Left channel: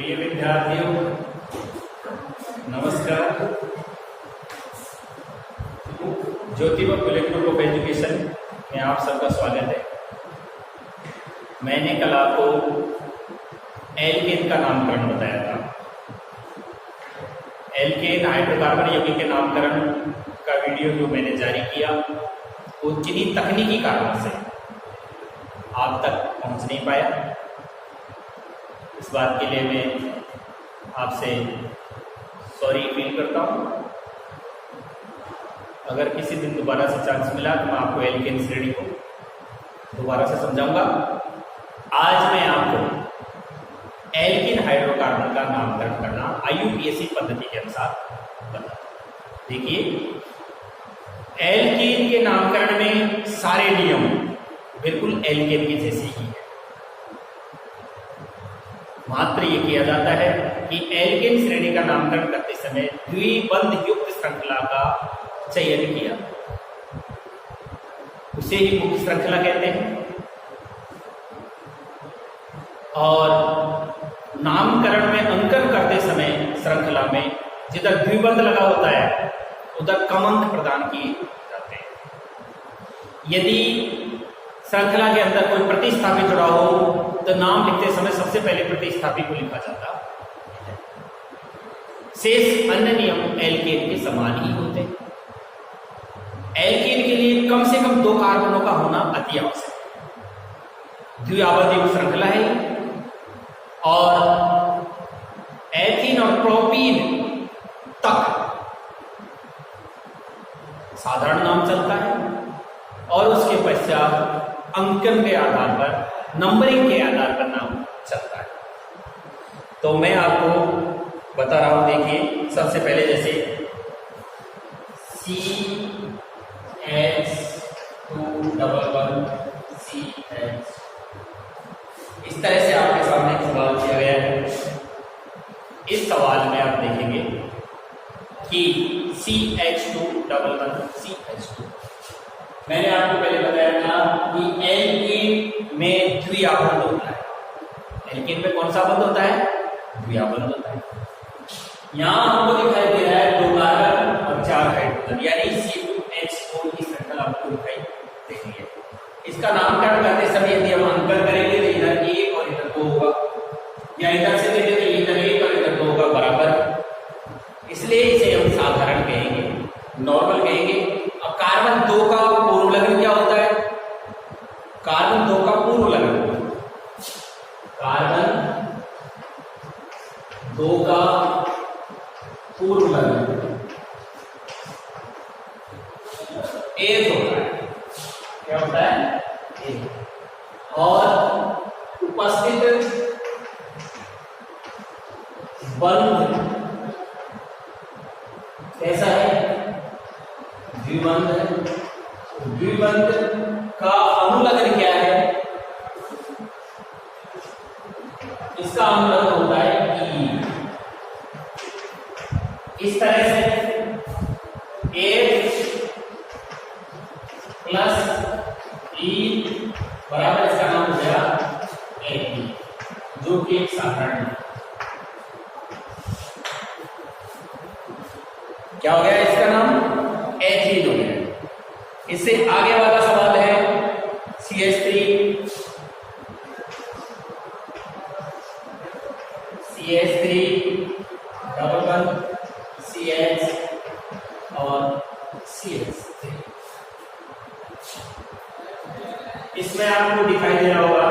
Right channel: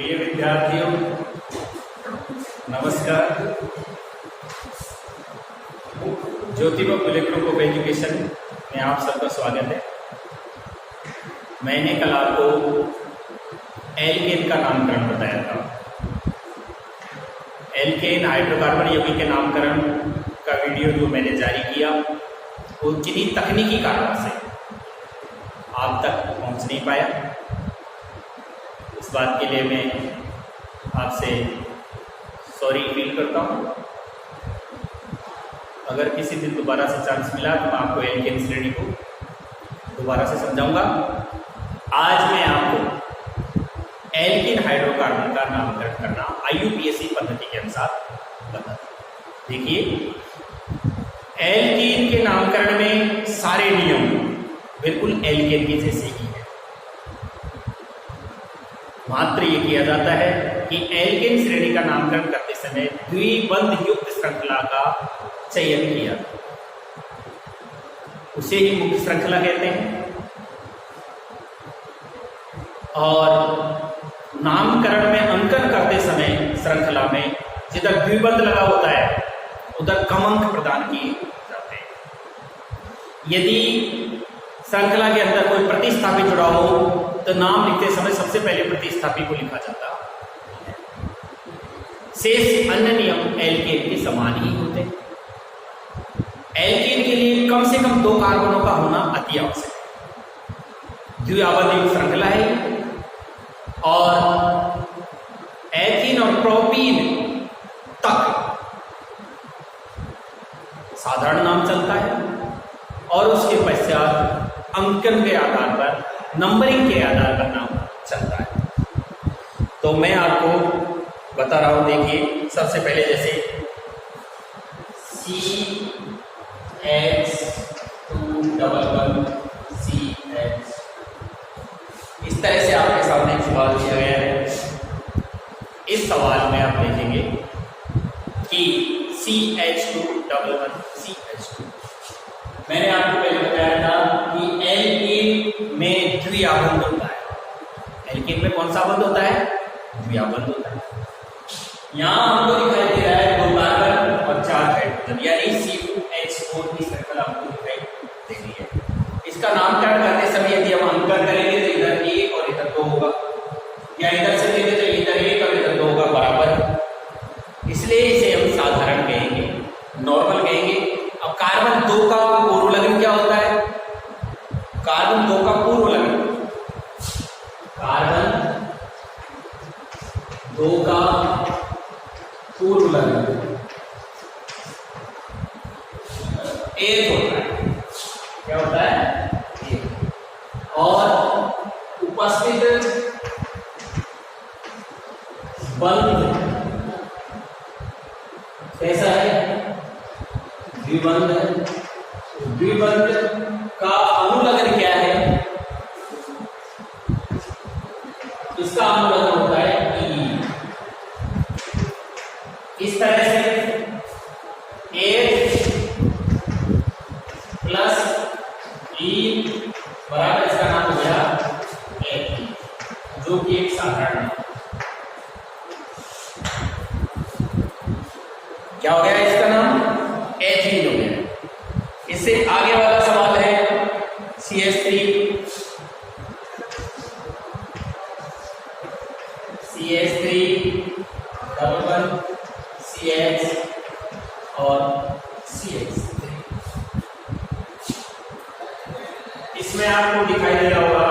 प्रिय विद्यार्थियों, नमस्कार। Jyotiba Phule group of education में आप सबका स्वागत है। मैंने कल आपको एल्केन का नामकरण बताया था। एल्केन हाइड्रोकार्बन यौगिक के नामकरण का वीडियो जो मैंने जारी किया वो किन्हीं तकनीकी कारणों से आप तक पहुंच नहीं पाया। इस बात के लिए मैं आपसे सॉरी फील करता हूँ। अगर किसी दिन दोबारा से चांस मिला तो मैं आपको एल्केन श्रेणी को दोबारा से समझाऊंगा। आज मैं आपको एल्केन हाइड्रोकार्बन का नामकरण करना IUPAC पद्धति के अनुसार बताता हूं। देखिए, एल्केन के नामकरण में सारे नियम बिल्कुल एल्केन के जैसे ही है। मात्र ये किया जाता है कि एल्केन श्रेणी का नामकरण करते समय द्विबंध युक्त श्रृंखला का चयन किया, उसे ही मुख्य श्रृंखला कहते हैं। और नामकरण में अंकन करते समय श्रृंखला में जिधर द्विबंध लगा होता है उधर कम अंक प्रदान किए जाते हैं। यदि श्रृंखला के अंदर कोई प्रतिस्थापी जुड़ा हो तो नाम लिखते समय सबसे पहले प्रतिस्थापी को लिखा जाता है। शेष अन्य नियम एल्केन के समान ही होते हैं। एल्केन के लिए कम से कम 2 कार्बनों का होना अति आवश्यक है। द्विआबद्ध श्रृंखला है और एथीन और प्रोपीन तक साधारण नाम चलता है और उसके पश्चात अंकन के आधार पर, नंबरिंग के आधार पर नाम चलता है। तो मैं आपको बता रहा हूं। देखिए, सबसे पहले जैसे CH211CH, इस तरह से आपके सामने एक सवाल दिया गया है। इस सवाल में आप देखेंगे कि CH211CH2, मैंने आपको पहले बताया था कि एल्केन में द्विआबद्ध होता है। एल्केन में कौन सा बंध होता है? द्विआबद्ध होता है। यहां हमको दिखाई दे रहा है 2 कार्बन और 4 हाइड्रोजन, यानी C2H4 की श्रृंखला हमको दिखाई दे रही है। इसका नामकरण करते समय यदि हम अंकन करेंगे तो इधर 1 और इधर 2 होगा, या इधर से कहेंगे तो इधर 1 और इधर 2 होगा बराबर। इसलिए इसे हम साधारण कहेंगे, नॉर्मल कहेंगे। अब कार्बन 2 का पूर्व लगन क्या होता है? कार्बन 2 का पूर्व लगन, कार्बन 2 का पूर्व लगन 1 होता है। क्या होता है? 1। और उपस्थित बंध कैसा है? द्विबंध है। द्विबंध का अनुलग्न क्या है? इसका अनुलग्न होता है E। इस तरह से H प्लस E बराबर इसका नाम हो गया Fe, जो कि एक साधारण है। क्या हो गया? इसका नाम एथीन हो गया। इससे आगे वाला सवाल है CH3 डबल बंध CH और CH3। इसमें आपको दिखाई दे रहा होगा,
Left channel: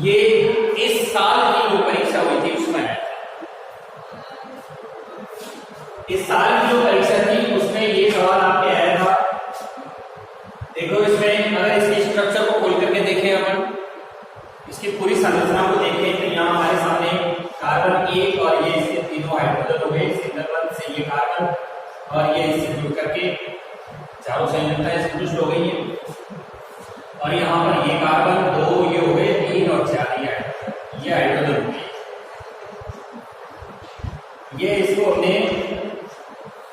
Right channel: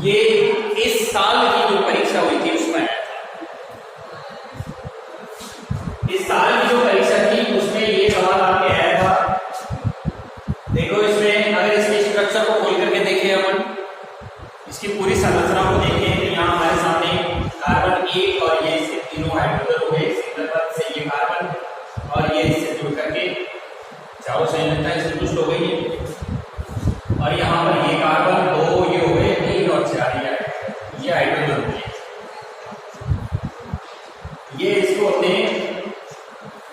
ये इस साल की जो परीक्षा हुई थी उसमें है। इस साल की जो परीक्षा थी उसमें ये सवाल आपके आया था। देखो, इसमें अगर इसके स्ट्रक्चर को खोल करके देखें, अपन इसकी पूरी संरचना को देखें तो यहाँ हमारे सामने कार्बन 1 और ये इसके तीनों हाइड्रोजन हो गए। सिंगल बंध से ये कार्बन और ये इससे जुड़ करके चारों संयोजकता संतुष्ट हो गई है। और यहाँ पर ये कार्बन 2 ये हो गए, 3 और 4 ये हाइड्रोजन हो गए। ये इसको हमने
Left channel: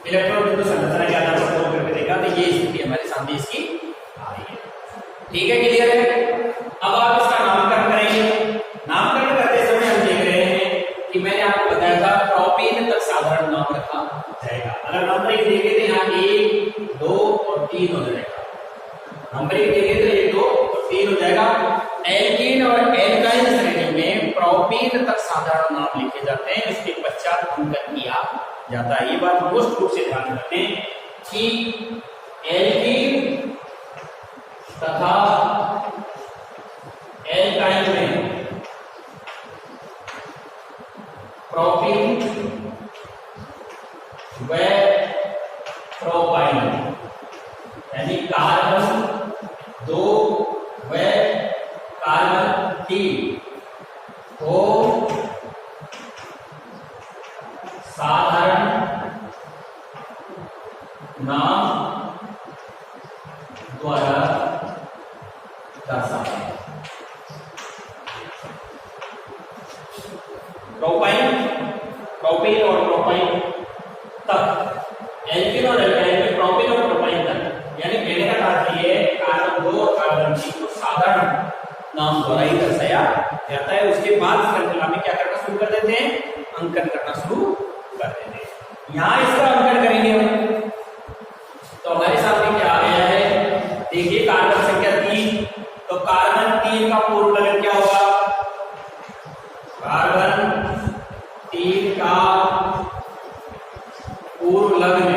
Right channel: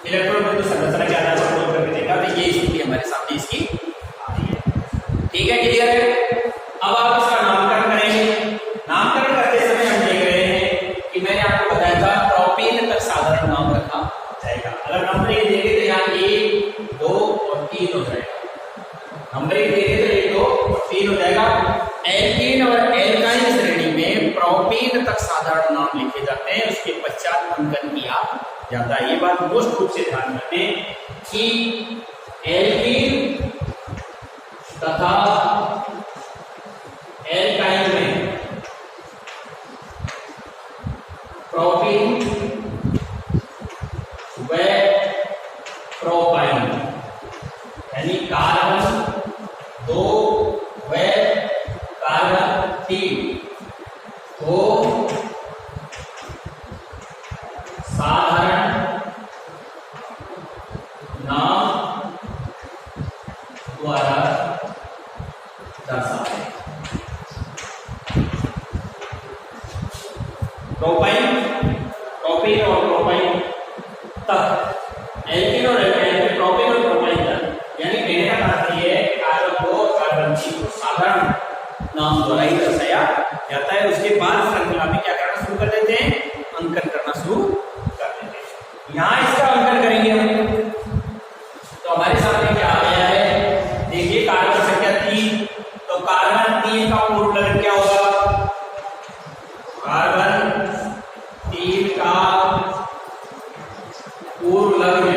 इलेक्ट्रॉन बिंदु संरचना के आधार पर खोल करके देखा तो ये स्थिति हमारे सामने इसकी आ रही है। ठीक है, क्लियर है? अब आप इसका नामकरण करेंगे। नाम नंबरिंग देंगे तो 1 2 और 3 हो जाएगा। एल्कीन और एल्काइल श्रेणी में प्रोपीन तक साधारण नाम लिखे जाते हैं, उसके पश्चात अंकन किया जाता है। ये बात मोस्ट रूप से ध्यान रखें कि एल्कीन तथा एल्काइल में प्रोपीन व प्रोपाइन यानी कार्बन 2 व कार्बन 3 को साधारण नाम द्वारा दर्शाते हैं। प्रोपीन और प्रोपाइन तक, एल्कीन और एल्काइल में प्रोपीन और प्रोपाइन तक, यानी कहने का तात्पर्य है कार्बन 2 और कार्बन 3 को साधारण नाम द्वारा ही दर्शाया जाता है। उसके बाद श्रृंखला में क्या करना शुरू कर देते हैं, अंकन करना शुरू कर देते हैं। यहां इसका अंकन करेंगे हम, तो हमारे सामने क्या आ गया है, देखिए कार्बन संख्या 3, तो कार्बन 3 का पूर्व लग्न क्या होगा, कार्बन 3 का पूर्व लग्न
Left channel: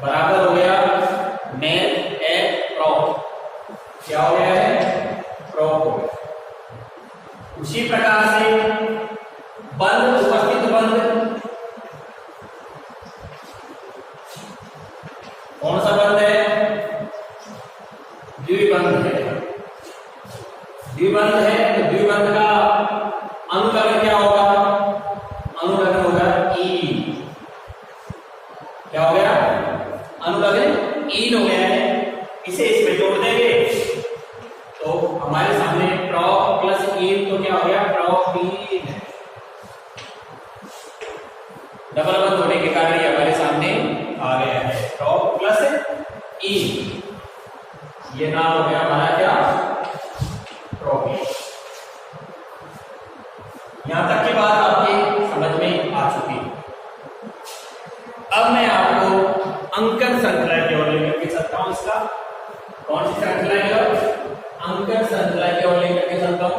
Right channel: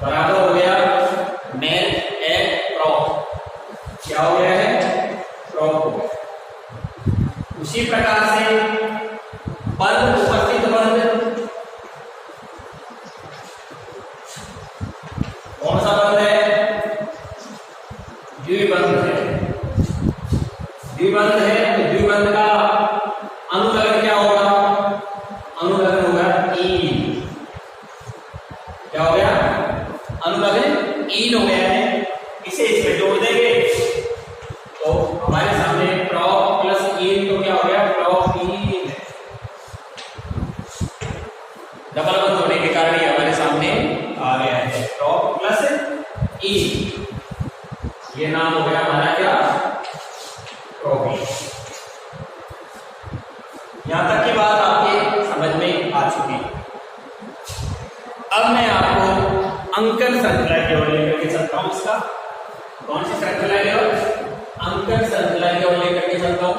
बराबर हो गया मेल एल प्रोप, क्या हो गया है, प्रोप। उसी प्रकार से बंध, उपस्थित बंध, कौन सा बंध है, द्विबंध है। द्विबंध है तो द्विबंध का अनुलग्न क्या होगा, अनुलग्न होगा ई, क्या हो गया, अनुलग्न ईन हो गया है। इसे इसमें जोड़ देंगे तो हमारे सामने प्रोप प्लस ईन, तो क्या हो गया, प्रोपीन। डबल बंध होने के कारण ये हमारे सामने आ गया है, प्रोप प्लस ईन, ये नाम हो गया हमारा क्या, प्रोपीन। यहां तक की बात आपके समझ में आ चुकी है। अब मैं आपको अंकन श्रृंखला की ओर लेकर के चलता हूं। इसका कौन सी श्रृंखला की ओर, अंकन श्रृंखला की ओर लेकर के चलता हूं।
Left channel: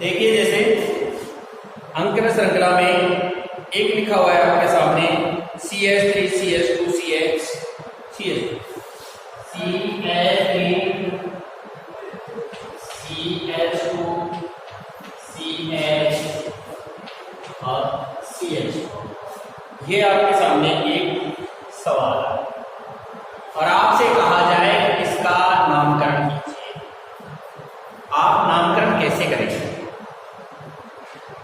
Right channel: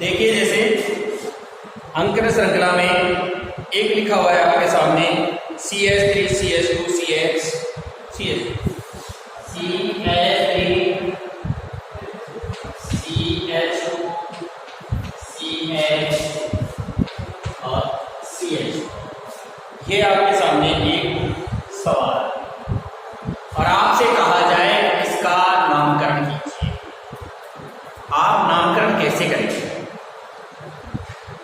देखिए जैसे अंकन श्रृंखला में एक लिखा हुआ है आपके सामने CH3 CH2 CH CH3 CH2 CH और CH, ये आपके सामने एक सवाल और आपसे कहा जाए इसका नामकरण कीजिए। आप नामकरण कैसे करेंगे?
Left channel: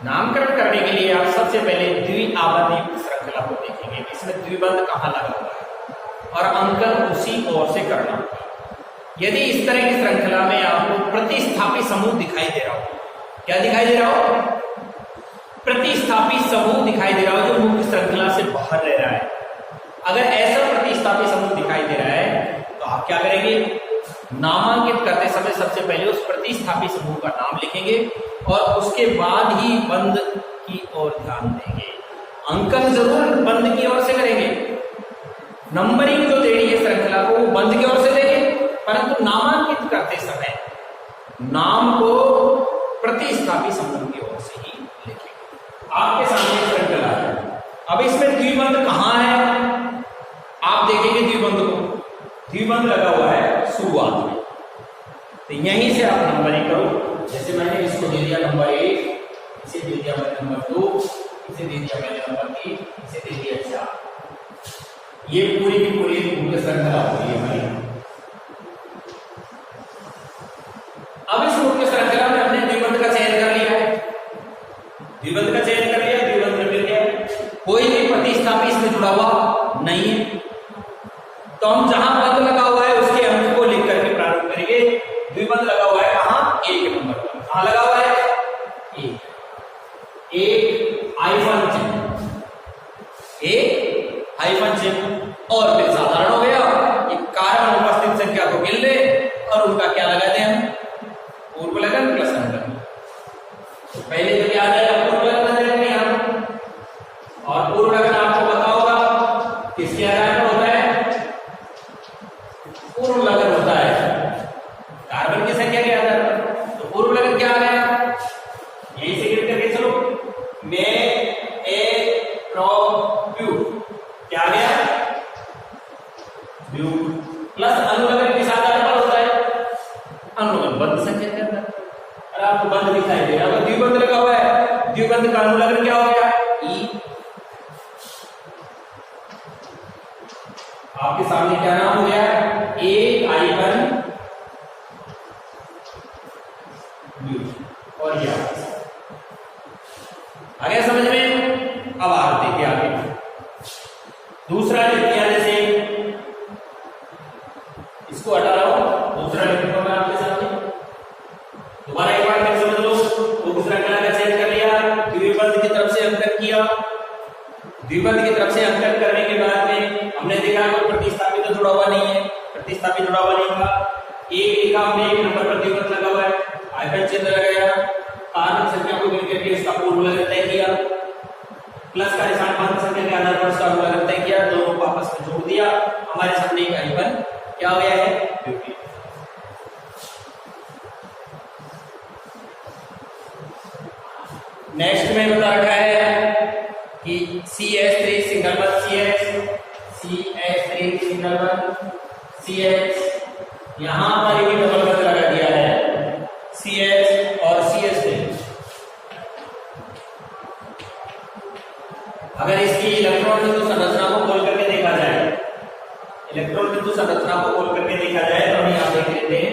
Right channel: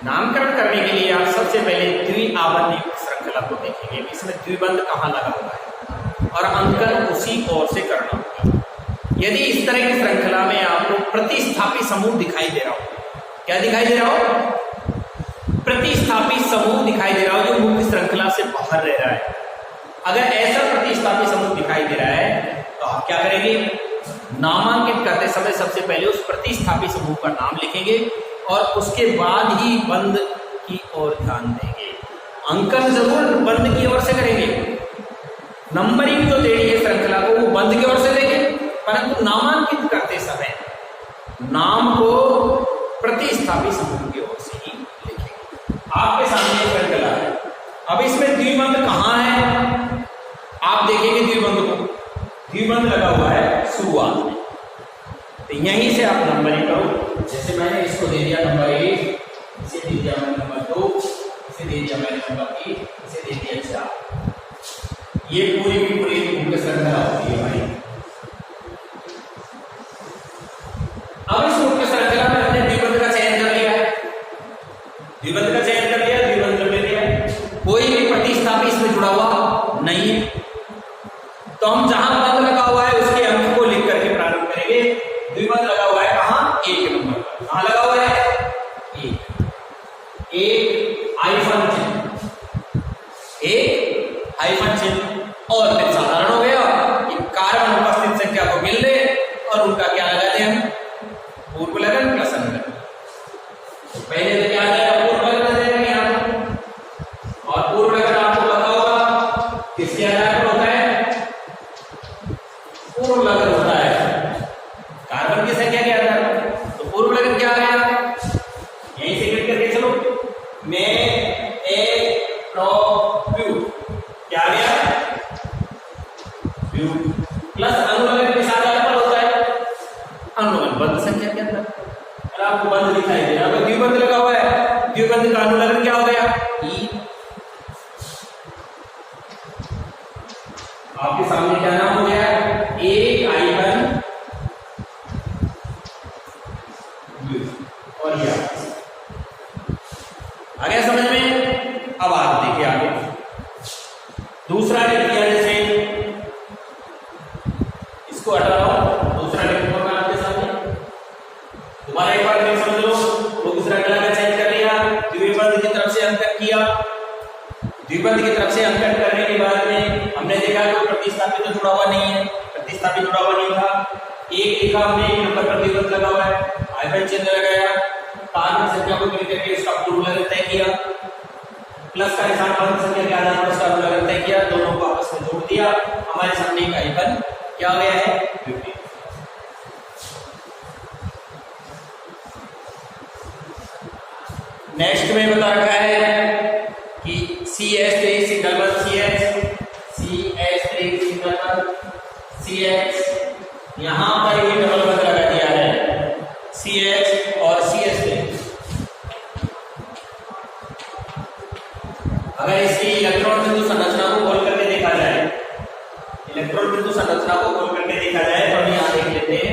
नामकरण करने के लिए आप सबसे पहले द्विआवर्ती श्रृंखला को देखेंगे, इसमें द्विबंध कहाँ लगा हुआ है और अंकन उसी ओर से करना होगा। यदि इस तरह की श्रृंखला में आपको प्रतिस्थापी समूह दिखाई दे रहा हो, क्या दिखाई दे रहा हो, प्रतिस्थापी समूह दिखाई दे रहा हो जो मुख्य श्रृंखला से बाहर रह रहा है, अगर ऐसा प्रतिस्थापी समूह दिखाई दे रहा है तो आप क्या करेंगे, नामांकित करते समय सबसे पहले उस प्रतिस्थापी समूह का नाम लिखेंगे और उसके बाद ही बंध की ओर ध्यान देंगे। अंकन जरूर बंध की ओर से करेंगे, नंबरिंग जो देनी है श्रृंखला को वो बंध की ओर से देंगे, परंतु नामांकित करते समय नाम को प्रतिस्थापी समूह की ओर से ही लिखेंगे। आपके सामने श्रृंखला है, अब इसमें द्विबंध कहाँ है, आप देखेंगे द्विबंध को, द्विबंध लगा हुआ है शुरुआत में, तो यहीं से आप नंबरिंग करो। जैसे मैंने इसको दे दिया नंबर 1, इसे दे दिया मैंने नंबर 2, इसे दे दिया मैंने नंबर 3, इसे दे दिया 4। ये पूरी की पूरी मुख्य श्रृंखला होती है भाई। अब इस मुख्य श्रृंखला में हमने द्विबंध का चयन कर लिया है, द्विबंध का चयन कर लिया, द्विबंध मिल गया, कोई भी प्रतिस्थापी इसमें जुड़ा हुआ नहीं है, तो हम जहां बंध लगा हुआ है उसके अंक को लिख करके प्रारंभ करेंगे। द्विबंध लगा हुआ है कहां, 1 नंबर पर, कहां लगा हुआ है, एक हाइफन चिन्ह, एक हाइफन चिन्ह और फिर साधारण हो गया कि कार्बन उपस्थित संख्या को गिन ले आपको बंध दिखाई दे रहा है, द्विबंध लगा हुआ है, द्विबंध का अनुलग्न क्या हो गया ई। आपके सामने क्या नाम हो गया, एक I1 और ये आ गया समझ में। अब आप देखिए आगे दूसरा लिख दिया, जैसे इसको हटा लो, दूसरा लिख दूंगा आपके सामने। दोबारा एक बार देख समझ लो, वो दूसरा कला का चेंज कर लिया, द्विबंध की तरफ से अंतर किया, द्विबंध की तरफ से अंतर करने के बाद में हमने देखा कोई प्रतिस्थापित तो जुड़ा हुआ नहीं है, प्रतिस्थापित जुड़ा हुआ नहीं था। एक लिखा हमने, एक नंबर पर द्विबंध लगा हुआ है, हाइफन चिन्ह लगाया, कार्बन संख्या को मिल करके इसका पूर्वलग्न तय किया, प्लस का निशान बंध संख्या के आधार पर उसका अनुलग्न तय किया, दोनों को आपस में जोड़ दिया, हमारे सामने एक I1 क्या हो गया है, ब्यूटेन। नेक्स्ट में बता रखा है कि CH3 सिंगल बंध CH3 सिंगल बंध CH, यहां पर ये डबल बंध लगा दिया है CH और CH3। अगर इसकी इलेक्ट्रॉन बिंदु संरचना को खोल करके देखा जाए, इलेक्ट्रॉन बिंदु संरचना को खोल करके देखा जाए तो हम यहां देख लेते हैं,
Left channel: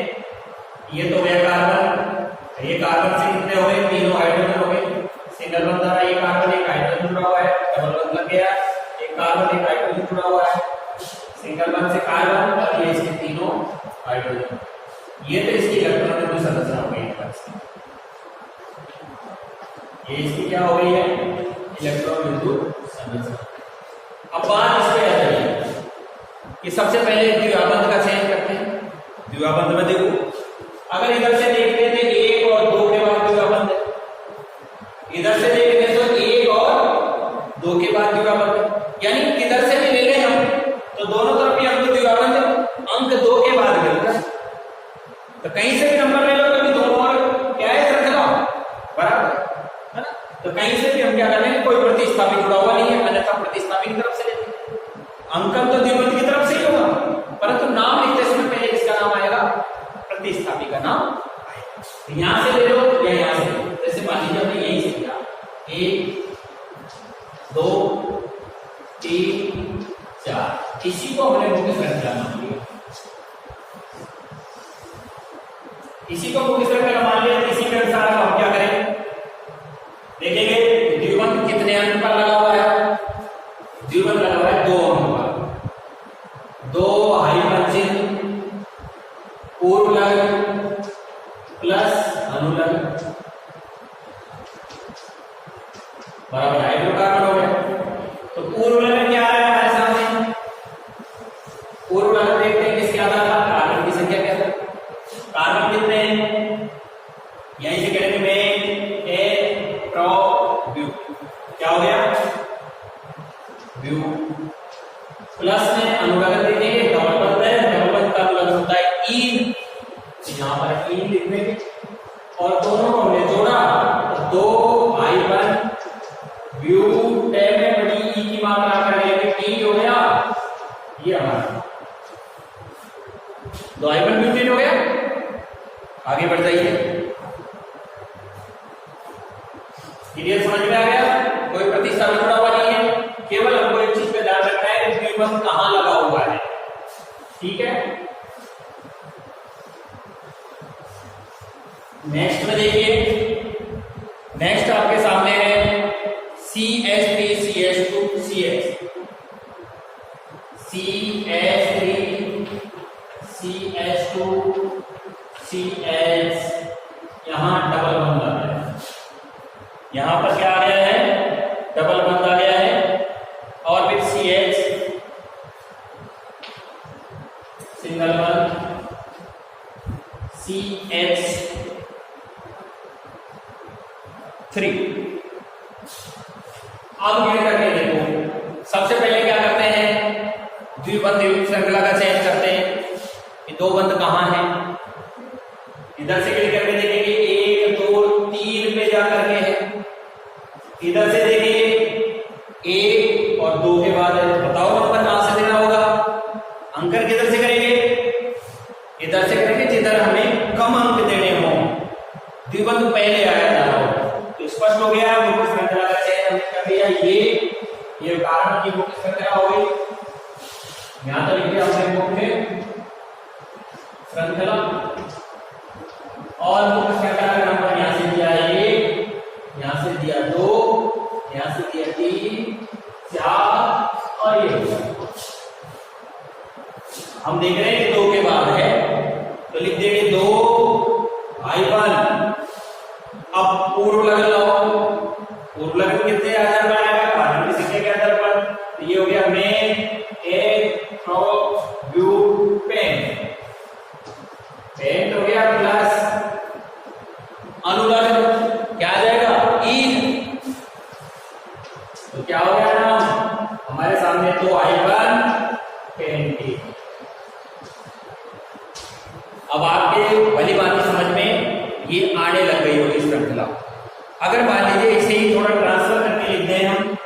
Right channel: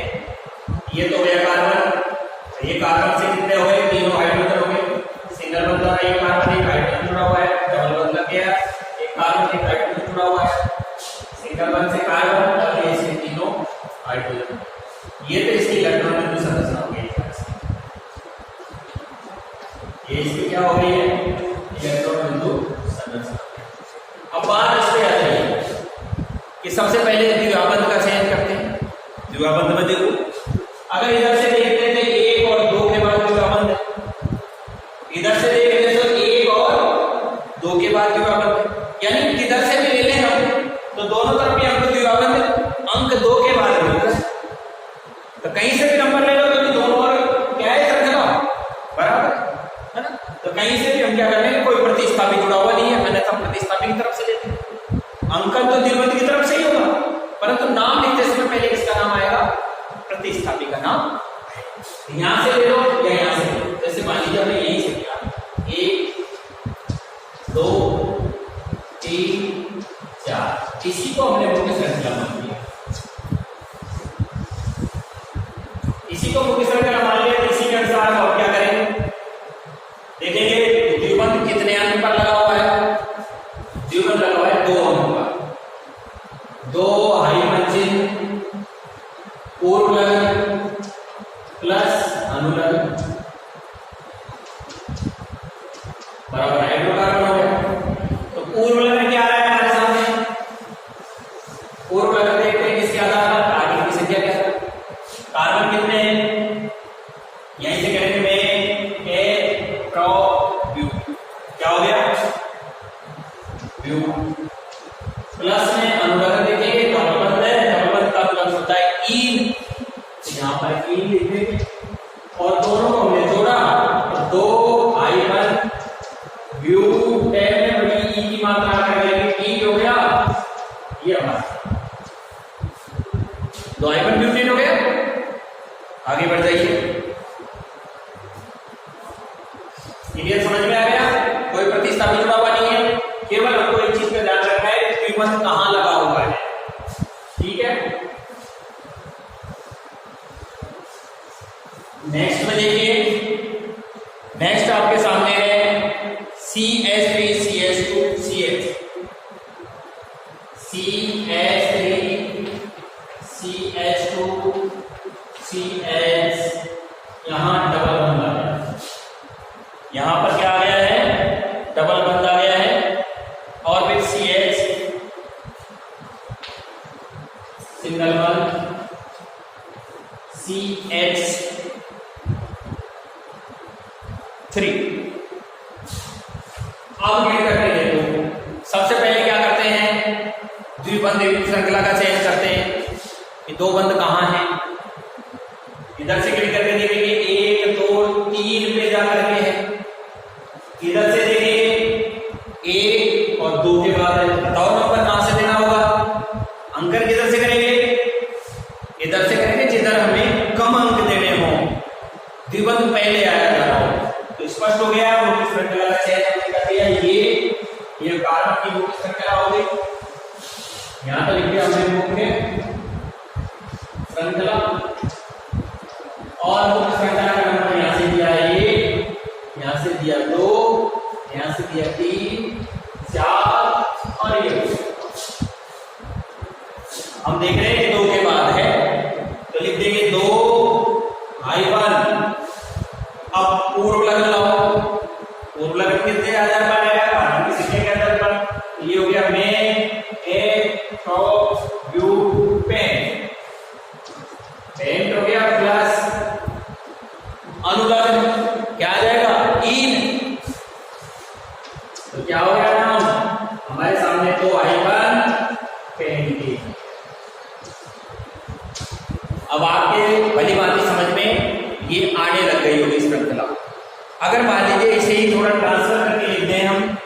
ये तो हो गया कार्बन, ये कार्बन से कितने हुए, तीनों हाइड्रोजन हो गए, सिंगल बंध था, एक कार्बन एक हाइड्रोजन जुड़ा हुआ है, डबल बंध लग गया, एक कार्बन एक हाइड्रोजन जुड़ा हुआ है, सिंगल बंध से कार्बन और ये इसके तीनों हाइड्रोजन। ये तो इसकी इलेक्ट्रॉन बिंदु संरचना हो गई, ये इसकी क्या हो गई है, इलेक्ट्रॉन बिंदु संरचना। अब बात इस पे आ जाएगी कि सबसे पहले द्विबंध का चयन करते हैं। द्विबंध में देखो, अगर इधर से देखते थे 1 और 2 के बाद द्विबंध, इधर से देखते तो 1 और 2 के बाद द्विबंध, यानी इधर से भी ले लें हम तो दोनों तरफ भी हमको द्विबंध अंक 2 के बाद मिलता है। तो कहीं से भी नंबर ले लो तो दोनों और क्या है रखना बराबर है ना, तो कहीं से भी हम क्या करेंगे, कोई प्रतिस्थापित जुड़ा हुआ नहीं है, अन्यथा प्रतिस्थापित की तरफ से लेते हैं। अंकन तो द्विबंध की तरफ से ही होगा, परंतु नाम लिखते समय पहले किसका नाम आएगा, प्रतिस्थापित का नाम। यहां से ले लो या यहां से ले लो, जैसे मान लीजिए हमने यहीं से किया 1 2 3 4, इसी को हमने मुख्य श्रृंखला मान लिया, इसी को मुख्य श्रृंखला मान लिया। इसी के अनुसार हम क्या करें, देखेंगे द्विबंध कितने अंक पर लगा हुआ है, द्विबंध लगा हुआ है 2 अंक पर, 2 हाइफन चिन्ह पूर्वलग्न प्लस अनुलग्न बराबर हाइड्रोकार्बन हो गया। तो पूर्वलग्न क्या आ रहा है हमारे सामने, पूर्वलग्न देखते हैं किसके आधार पर, कार्बन की संख्या के आधार, कार्बन कितने हैं, यहीं से करेंगे में ए प्रो ब्यू, क्या हो गया ब्यू, प्लस में अनुलग्न देखेंगे, डबल बंध है, डबल बंध का अनुलग्न होता है ई, यहां पर ई लिख देंगे और दोनों को हमने जोड़ा तो 2 I1 ब्यूटेन में बड़ी ई की मात्रा करेंगे, ई हो गया ये हमारा 2 I1 ब्यूटेन हो गया। आगे बढ़ जाइए, क्लियर समझ में आ गया, कोई प्रतिस्थापित जुड़ा हुआ नहीं है, केवल हमको एक चीज का ध्यान रखना है कि द्विबंध कहां लगा हुआ है, ठीक है। नेक्स्ट में देखिए, नेक्स्ट आपके सामने है CH3 CH2 CH, CH3 CH2 CH, यहां डबल बंध आ गया, यहां पर क्या आ गया है, डबल बंध आ गया है, और फिर CH सिंगल बंध CH3। अब ये करके देखो, सबसे पहले क्या करते हैं, द्विबंध श्रृंखला का चयन करते हैं कि 2 बंध कहां हैं, इधर से क्लिक करके देखेंगे 1 2 3 पे जाकर के है, इधर से देखेंगे 1 और 2 के बाद है, बताओ नंबर कहां से देना होगा, अंकन किधर से करेंगे, इधर से करेंगे जिधर हमें कम अंक देने हो, द्विबंध पहले आया जा रहा हो। तो स्पष्ट हो गया मुख्य श्रृंखला का चयन हमने कर लिया। ये कार्बन की मुख्य श्रृंखला हो गई। यहां तक लिख दिया हमने मुख्य श्रृंखला और मुख्य श्रृंखला का नंबर यहां से दिया 1, यहां से दिया 2, यहां से दिया 3, 4 और ये हम देख रहे हैं 2 के बाद है तो लिख देंगे 2 -1। अब पूर्व लग्न लगाओ। पूर्व लग्न कितने आधार पर आएगा? कार्बन की संख्या के आधार पर। तो ये हो गया मेन ब्यूटेन। पेंट हो गया प्लस अनुलग्न क्या आ जाएगा? ईन। तो क्या हो गया नाम हमारे सामने? तो I1 पेंटीन। अब आपके भली बात समझ में ये आने लग गई होगी श्रृंखला। अगर मान लीजिए इसे ही थोड़ा ट्रांसफर करके लिख दें हम,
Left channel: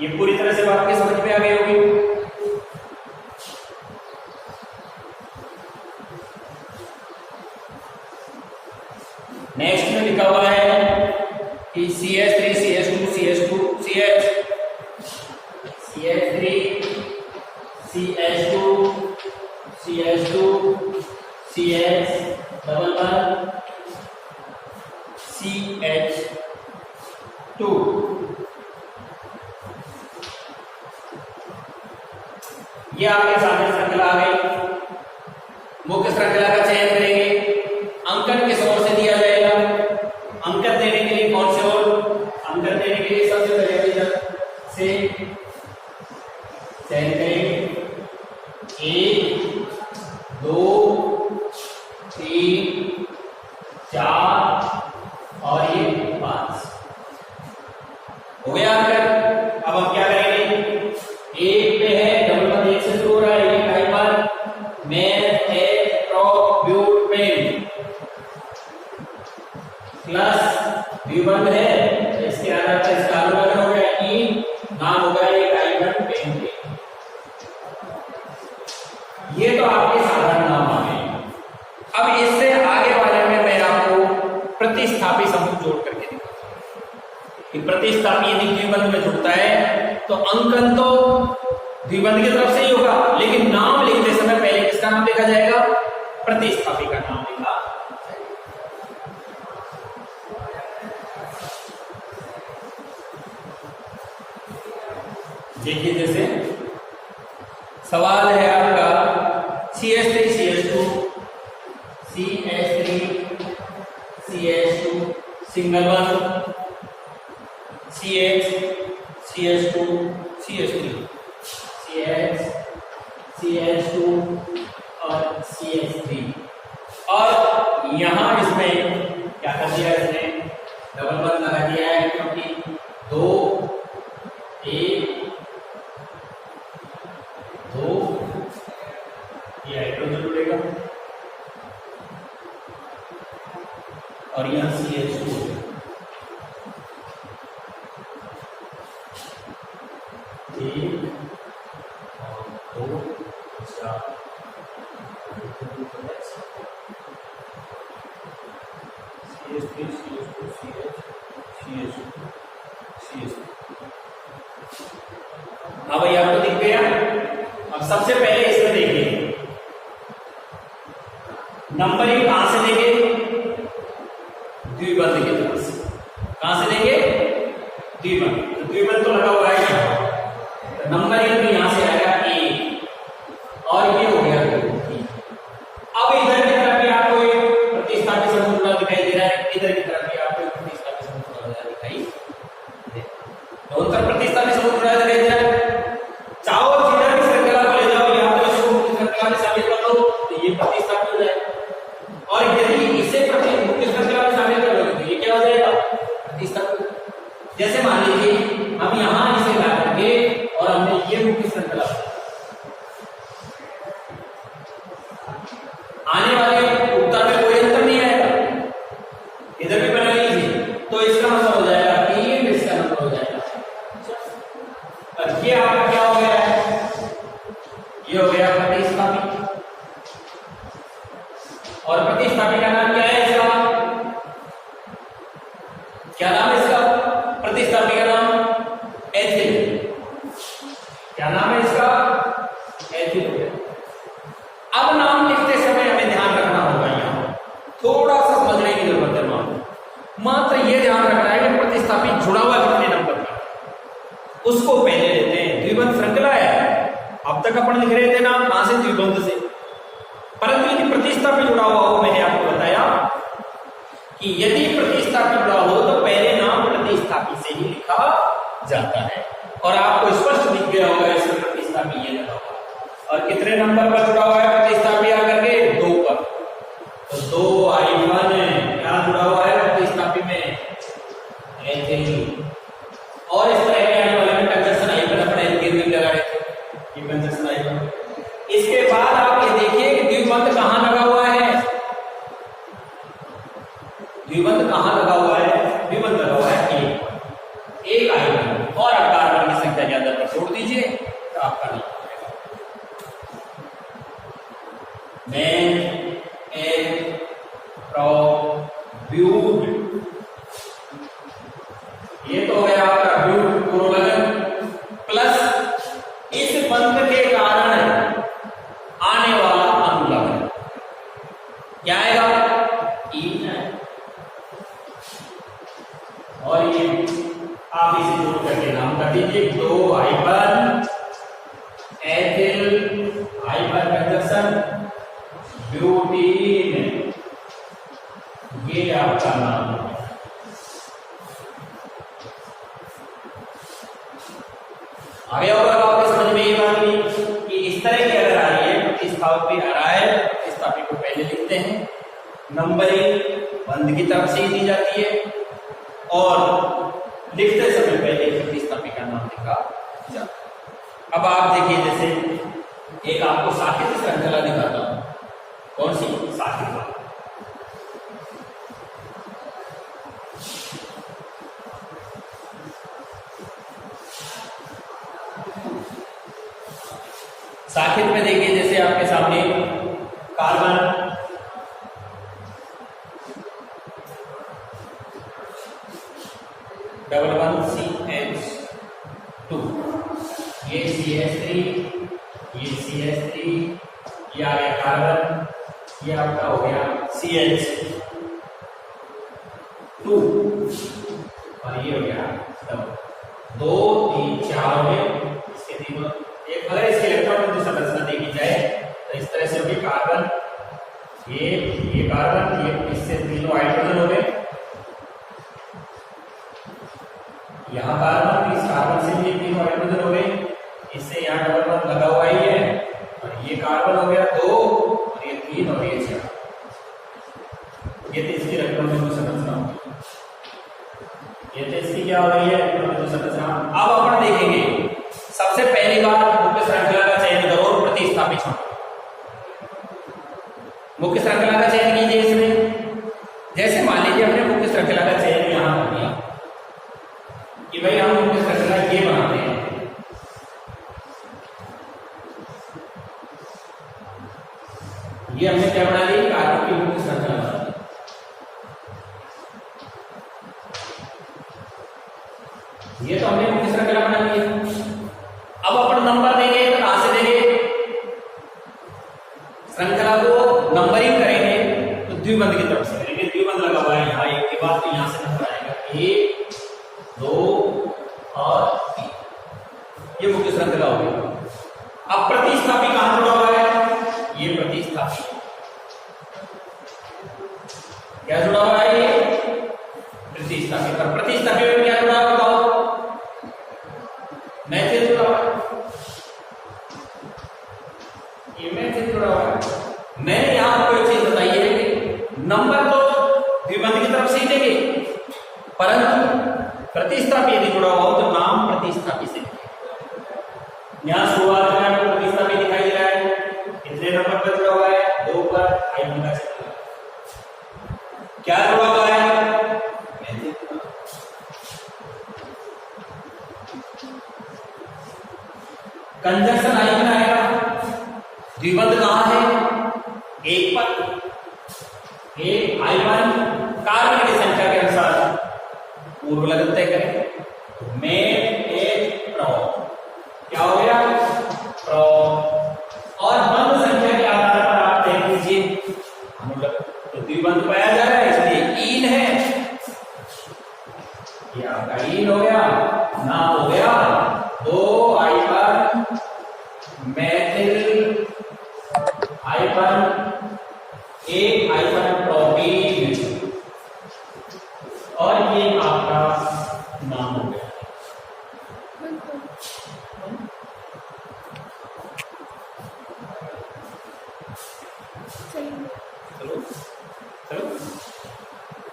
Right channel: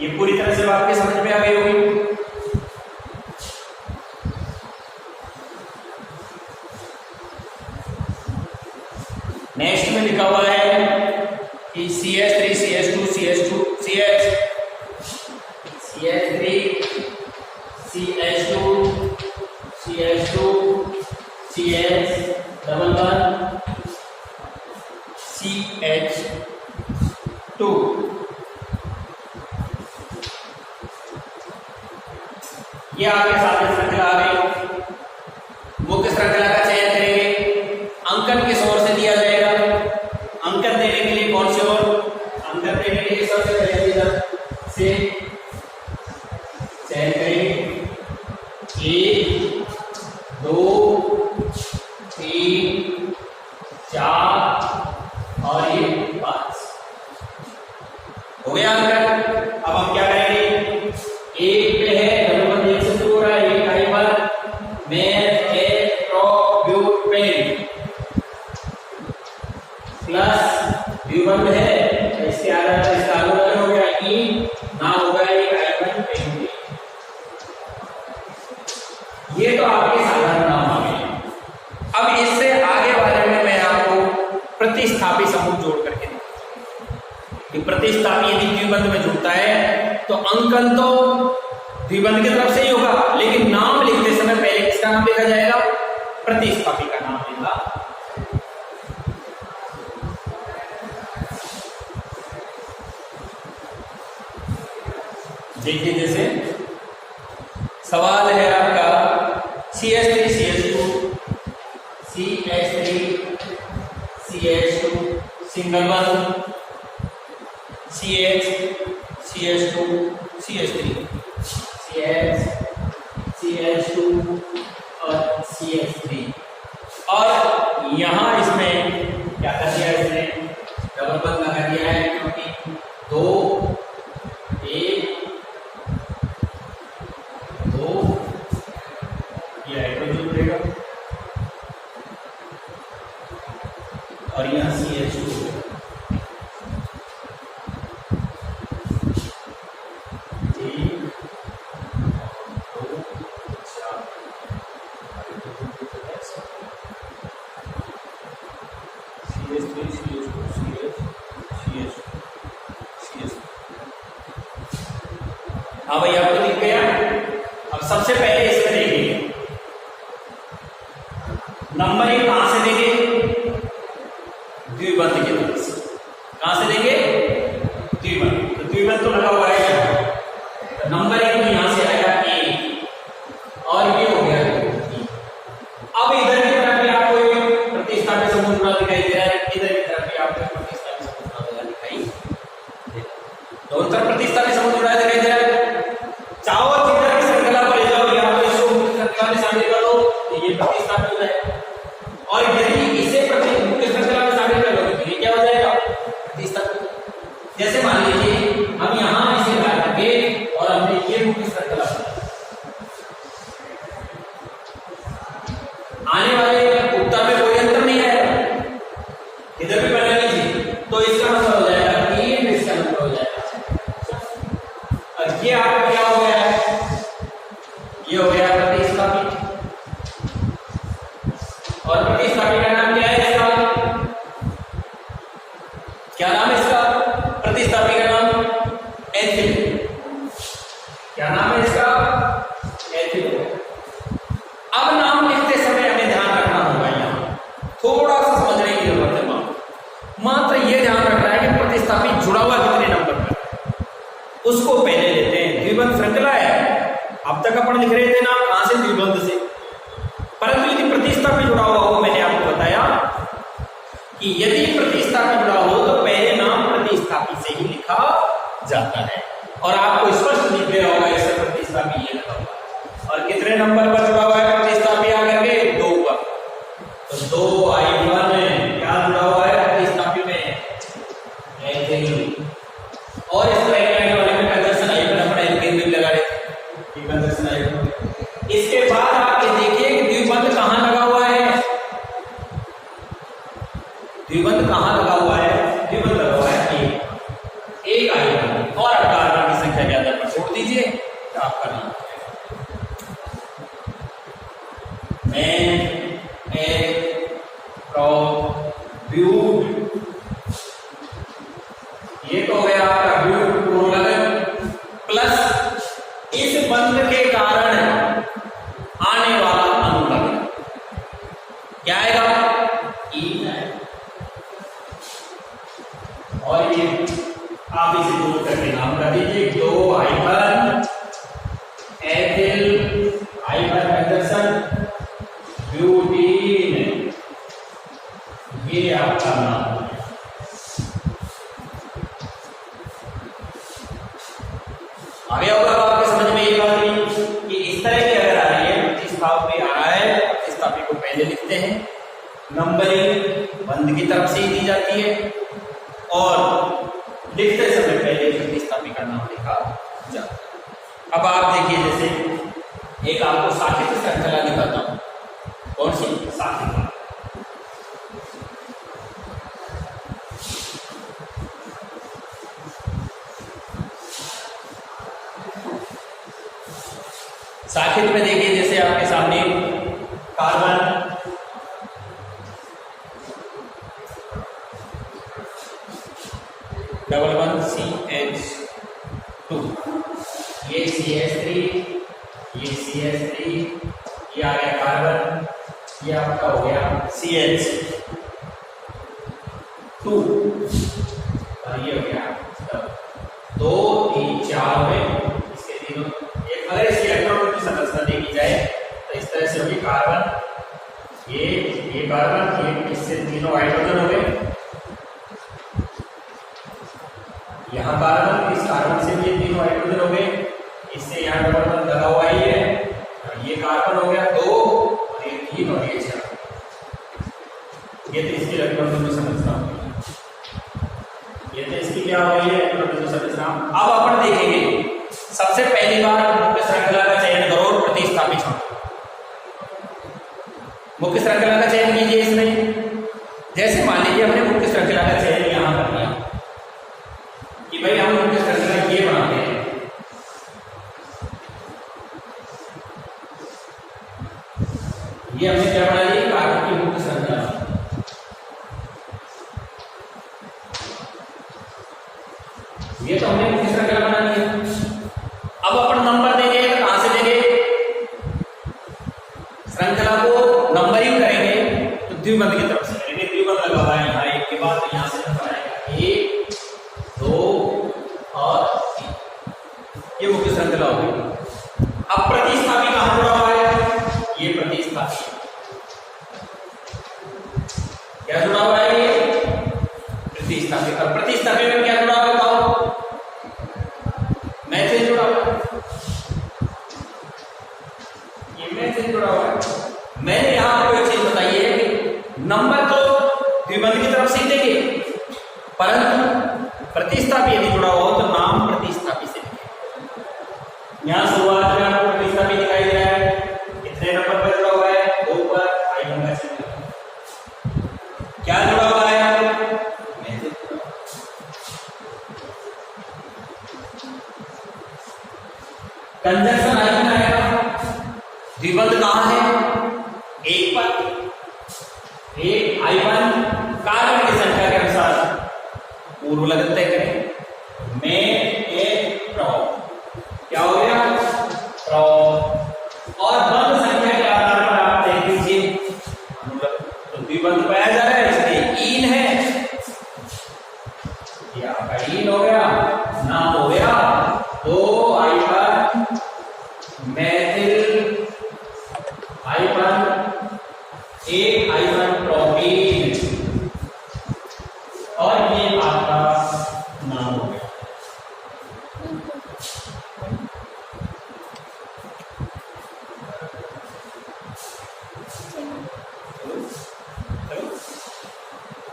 ये पूरी तरह से आपके समझ में आ गई होगी। नेक्स्ट में लिखा हुआ है कि CH3 CH2 CH2 CH CH3 CH2 CH2 CH double one CH2। ये आपके सामने श्रृंखला आ गई। मुख्य श्रृंखला का चयन करेंगे। अंकन किस ओर से दिया जाएगा? अंकन देने के लिए कौन से ओर? अंकन देने के लिए सबसे पहले इधर से चयन करेंगे। 1 2 3 4 और ये 5 हो गया अंकन। अब हम क्या करेंगे? 1 पे है डबल वन, 1 से शुरू हो रहा है। 1 I1 मेन ब्यूटेन प्लस द्विबंध है तो इसके आधार पर इसका अनुलग्न हो गया ई, नाम होगा एक I1 पेंटेन। ये तो आपके साधारण नाम आ गए। अब इससे आगे वाले में मैं आपको प्रतिस्थापी समूह जोड़ करके कि प्रतिस्थापी यदि द्विबंध में जुड़ता है तो अंकन तो द्विबंध की तरफ से ही होगा, लेकिन नाम लिखते समय पहले किसका नाम लिखा जाएगा? प्रतिस्थापी का नाम लिखा। देखिए जैसे सवाल है आपका CH3 CH2 CH3 CH2 single one, CH CH2 CH3 CH CH2 और CH3। और यहां इसमें क्या कर दिया? इसने डबल बंद लगा दिया है क्योंकि 2 1 2 ये हाइड्रोजन जुड़ेगा और यहां CH2 होगा। 1 2 4 CH3 CH2 CH CH2। हाँ भाई आपको दिख गया। अब सबसे पहले इसमें देखिए नंबर ही कहां से देंगे? द्विबंध की तरफ से। कहां से देंगे? द्विबंध। तो द्विबंध तो लगा हुआ है यहाँ, तो नंबर एक तो यहां से आएगा 1 और ये हो गया 2 3। अब इधर की तरफ भी आपको एक प्रतिस्थापी समूह जुड़ा दिखाई दे रहा है, इधर की तरफ भी आपको एक प्रतिस्थापी समूह जुड़ा दिखाई दे। दोनों तरफ प्रतिस्थापी समूह जुड़ा दिखाई दे रहा है। चाहो जिधर भी श्रृंखला को ले जाओ या तो इसको मुख्य श्रृंखला में शामिल कर लो तो ये प्रतिस्थापी हो जाएगा, और यदि इसे मुख्य श्रृंखला में शामिल कर लो तो ये क्या हो जाएगा? प्रतिस्थापी। जैसे मान लीजिए हम यहां इसे ला करके और हमने ये मुख्य श्रृंखला आने वाले उत्तर में कोई अंतर नहीं आएगा, इधर भी बना लीजिए तो इसका मतलब हो जाएगा 3, इसका नंबर हो जाएगा। अच्छा क्या नाम है इसका? प्रतिस्थापी का नाम एथिल। क्या नाम है इसका? एथिल। अब नाम लिखते समय हमें ध्यान रखना होगा, यहाँ थोड़ा सा समझने की जरूरत है। मात्र ये ध्यान रखना है कि प्रतिस्थापी जुड़ा हुआ कितने नंबर पर, उसको पहले लेते हैं। द्विबंध श्रृंखला है, अब तक अपन लिख रहे थे नाम कहां से? द्विबंध से। परंतु यदि प्रतिस्थापी जुड़ा हुआ हो, मैंने आपको बताया कि यदि प्रतिस्थापी जुड़ा हो तो पहले नाम प्रतिस्थापी से ही लिखा जाता है। और आपको स्पष्ट दिख गया होगा इसमें प्रतिस्थापी ये लगा हुआ, और कितने नंबर पर जुड़ा हुआ है प्रतिस्थापी? आकर के 2 पर। तो 2i1 क्या जुड़ा हुआ है प्रतिस्थापी में? एथिल। और इस तरह के आने वाले में कंजक्शन i1 अपन एल्केन में लगा लेते हैं, ये कंजक्शन i1। इसके बाद आप देखिए कि द्विबंध कहां लगा हुआ है? द्विबंध कहां लगा हुआ है? द्विबंध लगा हुआ है एक i1, और आप कार्बन की संख्या ज्यादा पर छोड़ दीजिए तो आपका नाम मैन एल प्रॉप ब्यूट। ये तो हो गया आपका ब्यूट पुरोलगन प्लस इस बंध के कारण आने वाला अनुलग्न क्या आएगा? ईन है। और ये आप इसे जोड़ करके नाम कर दीजिए 2i1 ethyl i1 conjunction butene, ये आपका नाम है। आगे होगा आपके समझ में ये बात कि इस तरह की अगर आ रही है प्रतिस्थापी आ रहा है, प्रतिस्थापी को पहले लिखते हैं, नंबरिंग बंध की तरफ से ही दी जाती है, और लिखते समय पहले प्रतिस्थापी का नाम लिखा जाता है। अब आप देखिए, जैसे एक आपको साकेत श्रृंखला दिखाता हूं। कौन सी? साकेत। साकेत में देखिए, जैसे आपके सामने कार्बन CH2, ये CH3, ये CH3, ये आ गया कार्बन, ये आपका हो गया CH2, और ये हो गया 2 3 4 में इसके तीनों। अगर इसकी इलेक्ट्रॉन की संरचना देखी जाए तो इस तरह से होगी कार्बन, ये कार्बन, ये इससे तीनों हाइड्रोजन हो गए, यहाँ कार्बन, इस कार्बन से भी तीनों हाइड्रोजन हो गए, इससे यहाँ डबल बॉन्ड लगा हुआ ही है, और ये कार्बन हो गया 2, और ये 3, और ये 4। ये तो इसकी इलेक्ट्रॉन संरचना हो गई, ये तो इसकी क्या हो गई है? इलेक्ट्रॉन संरचना। अब अपन देखेंगे सबसे पहली बार मुख्य श्रृंखला का चयन करो, प्रतिस्थापी छोड़ो। मुख्य श्रृंखला का चयन कीजिए इसमें। जैसे मान लीजिए हमने मुख्य श्रृंखला का चयन यहां कर दिया कि भाई हम मुख्य श्रृंखला ये बनाते हैं, ये हमने क्या बना दी? कार्बन की मुख्य श्रृंखला। ये तो हमने मुख्य श्रृंखला बना ली है। अब अपन नंबर देंगे तो कहां से देंगे? श्रृंखला को नंबरिंग करेंगे तो द्विबंध की तरफ से करेंगे। द्विबंध लगा हुआ है यहाँ, एक के बाद यहां से नंबर आएगा 1 2 और 3, ये मुख्य श्रृंखला हो गई। अब प्रतिस्थापी कहां जुड़ा हुआ है? ये प्रतिस्थापी क्या जुड़ा हुआ है? ये प्रतिस्थापी। और प्रतिस्थापी में क्या जुड़ा हुआ है? मैथिल जुड़ा हुआ है, ये मैथिल जुड़ा हुआ है। मैंने यहां आपको एक चीज बताई है कि नंबर तो द्विबंध की तरफ से देंगे, परंतु प्रतिस्थापी यदि जुड़ा हो तो नाम प्रतिस्थापी से। यहां शुरुआत में आपको प्रतिस्थापी दिखाई दे रहा है, कितने नंबर पर जुड़ा हुआ है? 2 पर। i1 का चिन्ह क्या जुड़ा हुआ है? मैथिल। कंजक्शन i1 आएगा, द्विबंध कहां है? 1 पर। 1 i1 कार्बन की संख्या के अनुसार उर्वलगन तय करें। में ए प्रो क्या हो गया? प्रो। और बंध संख्या के आधार पर आप देख लीजिए, तो द्विबंध पाया जा रहा है, इसलिए ईल है, ये आपका ईल हो गया। नाम हो गया 2 hyphen methyl hyphen 1 hyphen propene, और ये आपका नाम हो गया। चलो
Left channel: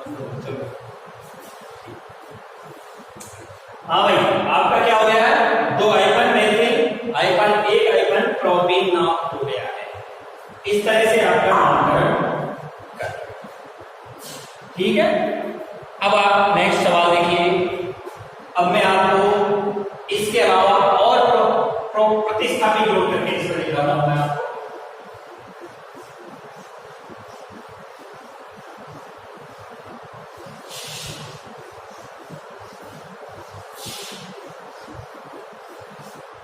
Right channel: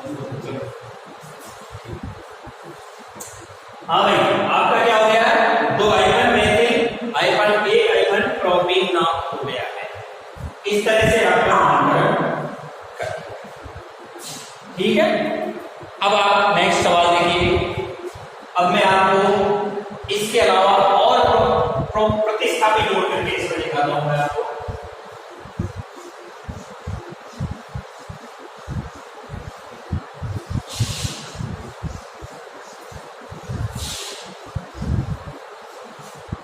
चलो चलो, हाँ भाई, आपका क्या हो गया है? 2 hyphen methyl hyphen 1 hyphen propene नाम हो गया है। इस तरह से आपका नामकरण कर, ठीक है। अब आप नेक्स्ट सवाल देखिए। अब मैं आपको इसके अलावा और प्रतिस्थापी जोड़ करके इसमें दिखाता हूं मैं आपको।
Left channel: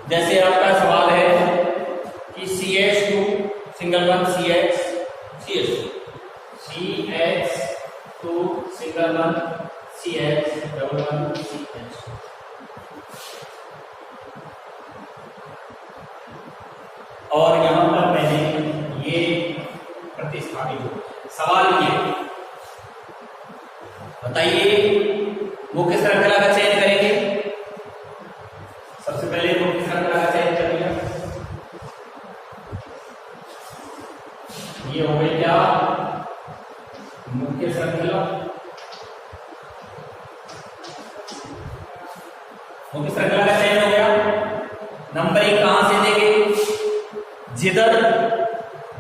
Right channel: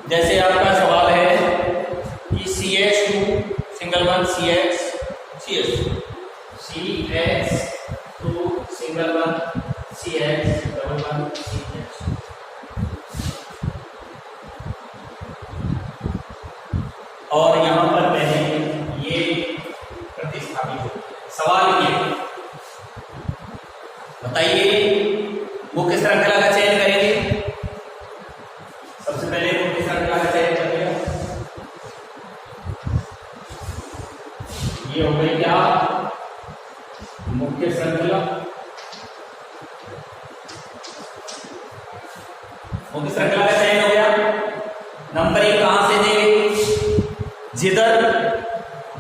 जैसे आपका सवाल है कि CH2 single one CH CH2 single one CH double one CH, और यहां पर पहले ये प्रतिस्थापित हो। सवाल ये बताइए मुख्य श्रृंखला का चयन करेंगे। सबसे पहले मुख्य श्रृंखला का चयन कर लिया, ये हो गई क्या? मुख्य श्रृंखला। मुख्य श्रृंखला का चयन हो गया। नंबरिंग कहां से देंगे? जिधर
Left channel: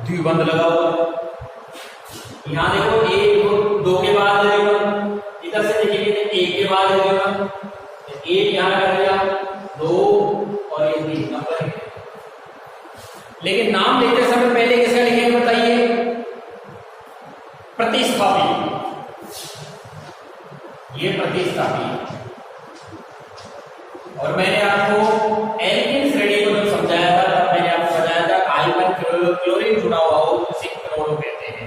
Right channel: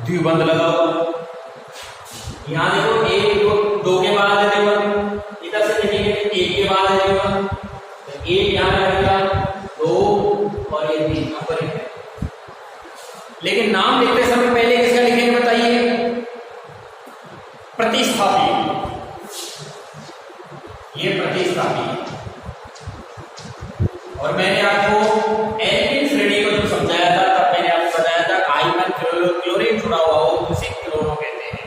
द्विबंध लगा हुआ, यहां देखो 1 2 के बाद है द्विबंध, इधर से देखेंगे 1 के बाद है द्विबंध, 1 यहां लगा दिया, 2 और ये 3 नंबरिंग है। लेकिन नाम लिखते समय पहले किसका लिखेंगे बताइए? प्रतिस्थापी। ये प्रतिस्थापी। और मैंने आपको एल्किन श्रेणी को जो समझाया था, तब मैंने आपको बताया था हाइफन क्लोरीन जुड़ा हुआ हो उसे क्लोरो कहते हैं।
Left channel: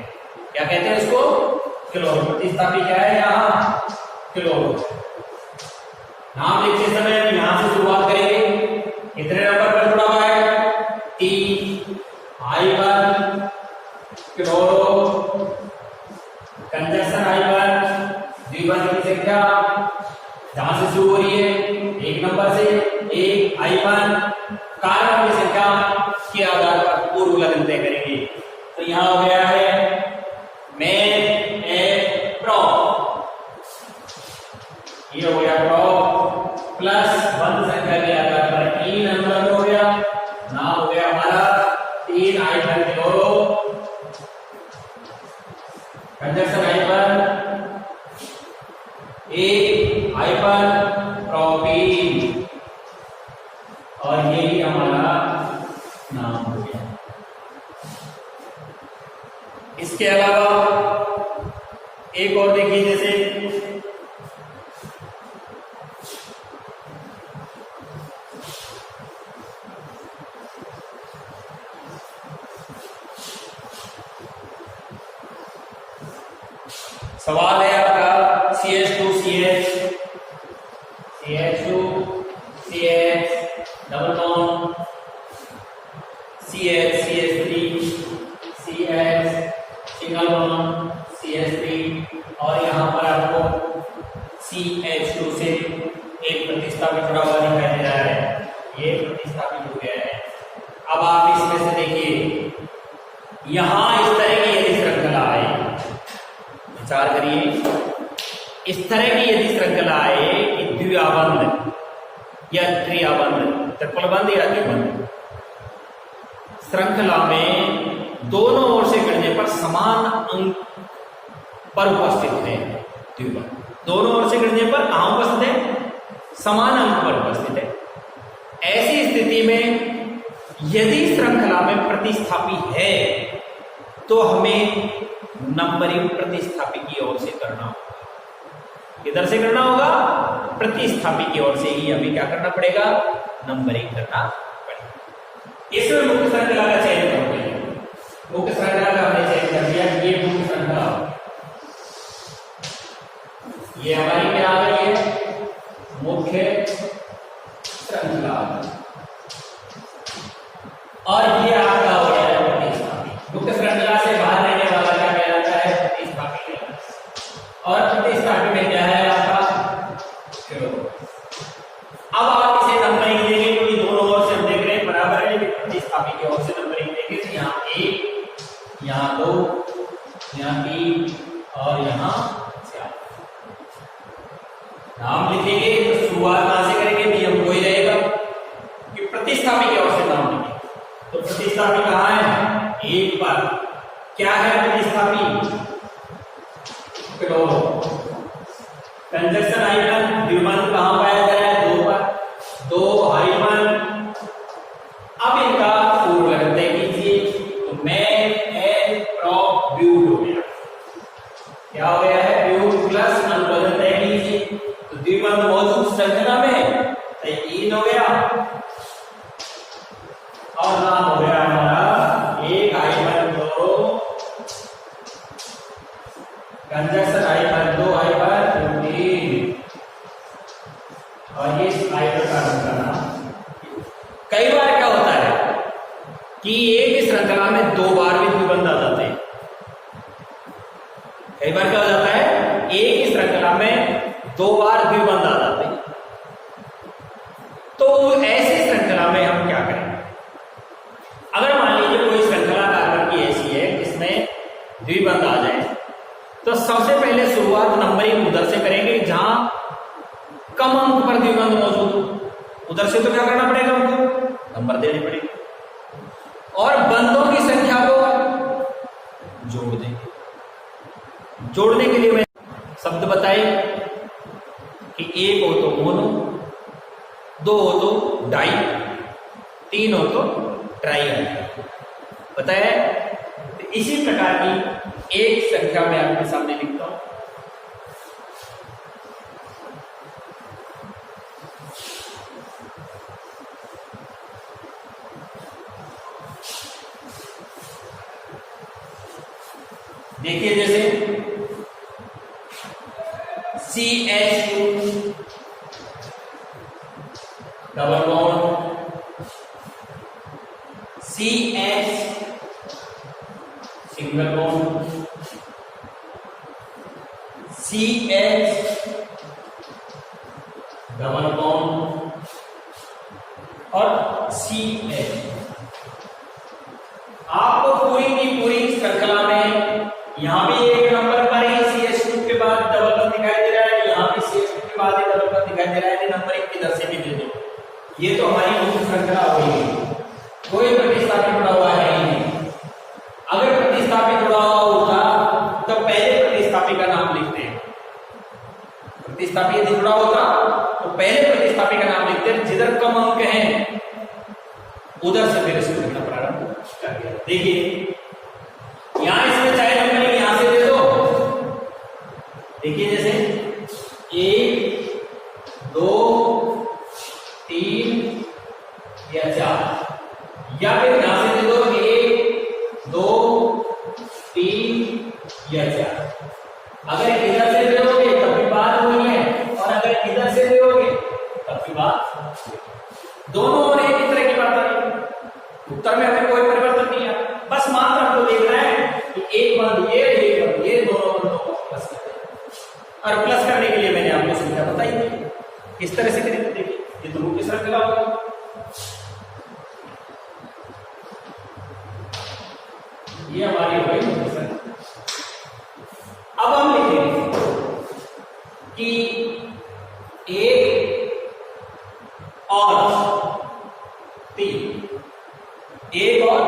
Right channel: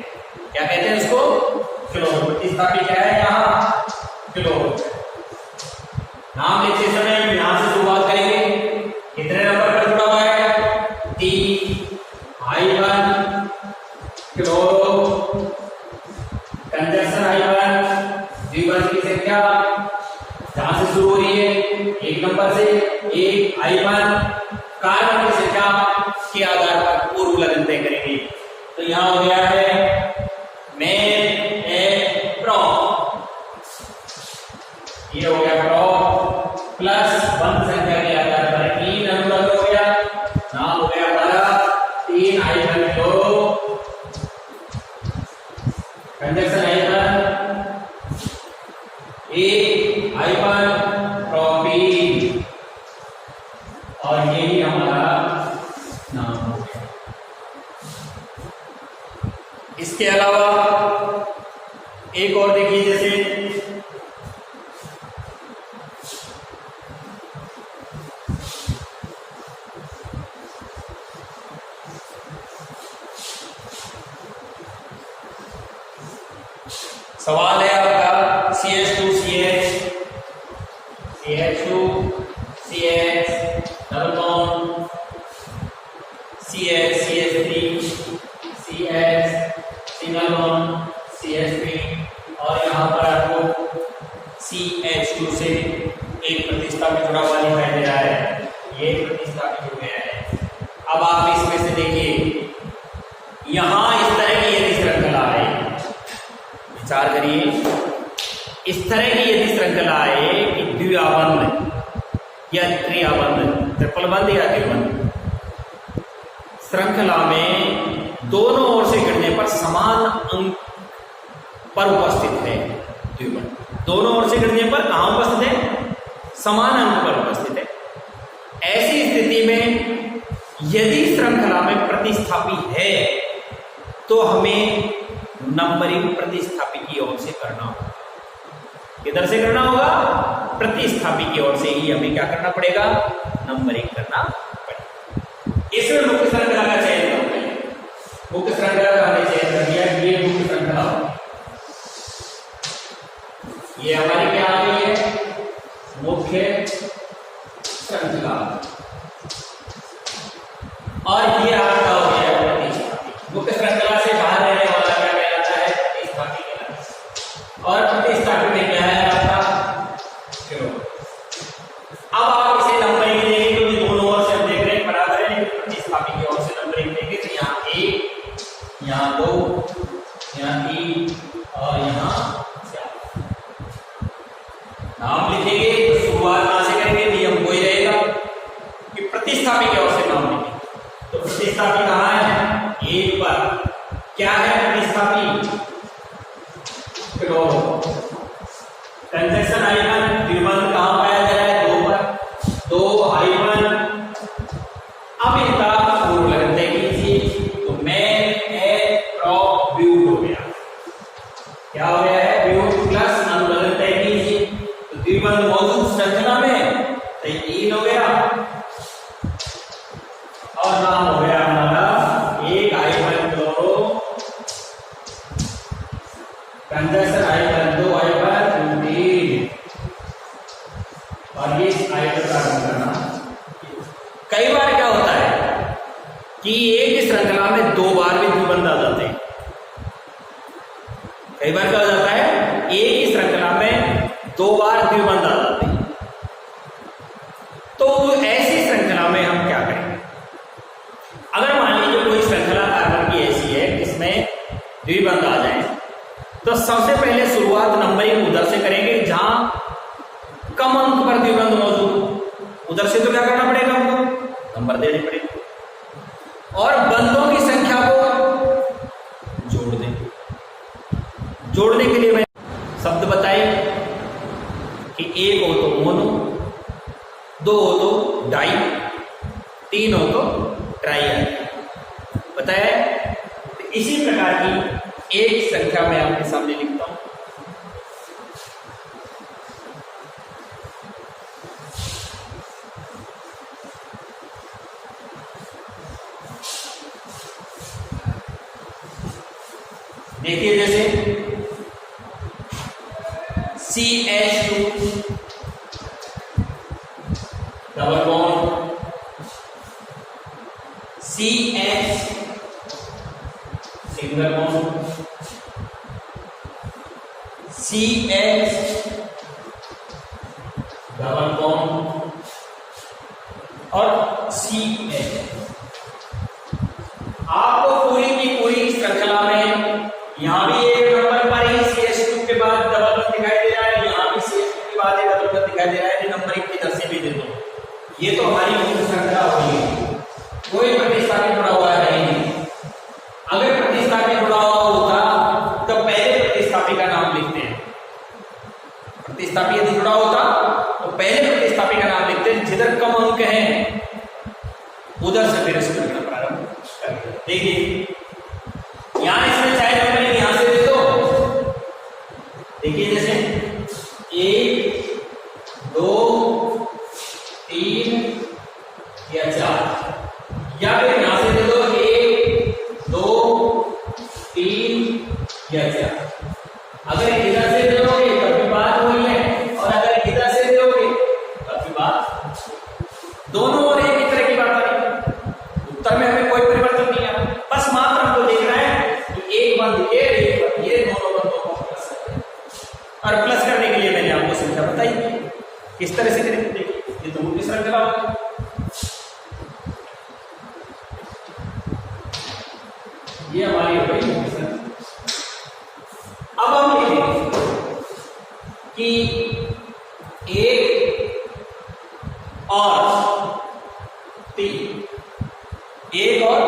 क्या कहते हैं उसको? क्लोरो। प्रतिस्थापी क्या है यहाँ? क्लोरो। नाम लिखते समय यहां से शुरुआत करेंगे। कितने नंबर पर जुड़ा हुआ है? 3 हाइफन क्लोरो कंजक्शन हाइफन द्विबंध की संख्या जहां से शुरू हो रही है 1 नंबर से, 1 हाइफन कार्बन की संख्या के आधार पर पूर्व लगन तय करेंगे। तो यहां हो गया है में ए प्रो, ये हो गया प्रो प्लस बंध संख्या के आधार पर 3 नंबर हो गया। नाम हो गया हमारा 3 hyphen chloro conjunction hyphen 1 hyphen propene, और ये ही हमारा नाम हो गया। इसके अलावा एक और देखिए, जैसे सवाल है आपका CH2 CH CH2 CH double bond CH CH3 CH single bond CH3, और यहाँ पर आपको CH2 से एक प्रतिस्थापित जुड़ा हुआ दिखाई दे रहा है। ये प्रतिस्थापित हो गया है। अब आप इसमें से देखिए, यहां इस तरह की यदि श्रृंखला है, विचार करिए, इस तरह की यदि श्रृंखला है कि द्विआबंध या त्रिआबंध, ट्रिपल बंध या द्विबंध श्रृंखला में दोनों ओर से गिरने पर समान अंक पर उपस्थित है द्विबंध। दोनों ओर से गिरने पर कहां उपस्थित है? समान अंक पर उपस्थित है। ऐसी स्थिति में यदि श्रृंखला में प्रतिस्थापी है तो हमें नंबरिंग प्रतिस्थापी की ओर से करना होगा। किधर से करना होगा? प्रतिस्थापी की ओर से ही हमें क्या करना पड़ेगा? नंबरिंग करना पड़ेगा। इसमें मुख्य श्रृंखला का चयन करते हैं। मुख्य श्रृंखला का हमने चयन कर दिया। ये मुख्य श्रृंखला, ये हमारी क्या आ गई है? मुख्य श्रृंखला। और ये आपका हो गया प्रतिस्थापी। मुख्य श्रृंखला से बाहर रहने वाला क्या कहलाता है? प्रतिस्थापी कहलाता है। और प्रतिस्थापी में क्या है आपका? अब आप इसे नंबरिंग देंगे क्योंकि दोनों ओर से हम देख रहे हैं बराबर है। प्रतिस्थापी की ओर से नंबरिंग देंगे तो यहाँ 1, यहाँ 2, यहाँ 3 और यहाँ 4 नाम लिखेंगे। तो शुरुआत कहां से करेंगे? नियम वही रहेगा कि प्रतिस्थापी की ओर से नाम लिखेंगे। तो प्रतिस्थापी कहां है? 1 पर। क्या है प्रतिस्थापी? कंजक्शन हाइफन द्विबंध कहां पाया जा रहा है? 2 पर। 2 हाइफन। अब इनका पूर्व लगन तय कीजिए। तो मैन ए प्रॉप ब्यूट हो गया। क्या हो गया है? ब्यूट प्लस अनुलग्न तय कीजिए। तो द्विबंध मौजूद श्रृंखला में तो 3 हो गया और नाम हो गया हमारा 1 hyphen chloro conjunction hyphen 2 hyphen butene. और ये हाइड्रोकार्बन का नाम। कई बार क्या होता है कि एक ही श्रृंखला में 2 बार भी द्विबंध आ जाते हैं। कई बार क्या हो जाता है? एक ही श्रृंखला में 2 बार द्विबंध आ जाते हैं। तो ऐसी श्रृंखला में हम क्या करें? अगर मान लीजिए कोई श्रृंखला कार्बन की ऐसी है जिसमें द्विबंध आ जाए तो सबसे पहले शुरुआत नंबरिंग उधर से करेंगे जहां कम अंक पर द्विबंध मौजूद हो। उधर से तो क्या करना पड़ेगा? हमको नंबर देने पड़ेंगे और बंधों की संख्या को जोड़ देंगे। जोड़ने के लिए मैं शब्द बताए कि 1 हो तो मोनो, 2 हो तो डाई, 3 हो तो ट्राई आएगा। पता है? तो इसी प्रकार की एक संख्या मैं आपके सामने लिखता हूं। देखिए जैसे CH2 double bond, CH single bond, CH double bond और CH। आपको पूरी की पूरी श्रृंखला में यहां भी एक नंबर पर ही CH2 के बाद डबल बॉन्ड दिखाई दे रहा है, यहां भी CH2 के बाद एक डबल बॉन्ड दिखाई दे रहा है। नंबर एक किधर से भी दे दो। ये तो हमारी मुख्य श्रृंखला हो गई। कोई प्रतिस्थापी जुड़ा हुआ है नहीं। अगर प्रतिस्थापी जुड़ा हुआ होता तो पहले प्रतिस्थापी का नाम लिखते हैं। प्रतिस्थापी यदि जुड़ा होता तो पहले प्रतिस्थापी का नाम लिखते हैं। जिधर कम अंक हैं उधर से फिर इसको लिखना प्रारंभ कर दिया। देखिए यहां इसमें चाहे नंबर यहां से दे दो। देखिए जैसे 1, 2, 3 या 4 या फिर यहां से दे दो 1, 2, 3 या 4। अगर इधर से दोगे तब भी बात वही है और अगर इधर से दोगे तब भी बात। दोनों और एक ही तरह की बात है। उत्तर में हमें कोई परिवर्तन नहीं है। बस मात्र हमको देखना है कि एक बंद ये दोनों बंदों को प्लस करें। और प्लस करने के लिए मैंने आपको संख्या बताई किस तरह से करेंगे। देखिए ये तो मुख्य श्रृंखला होगा। ये हमारी हो गई मुख्य श्रृंखला। अब हम लिखेंगे कि 1 और 3, 1 और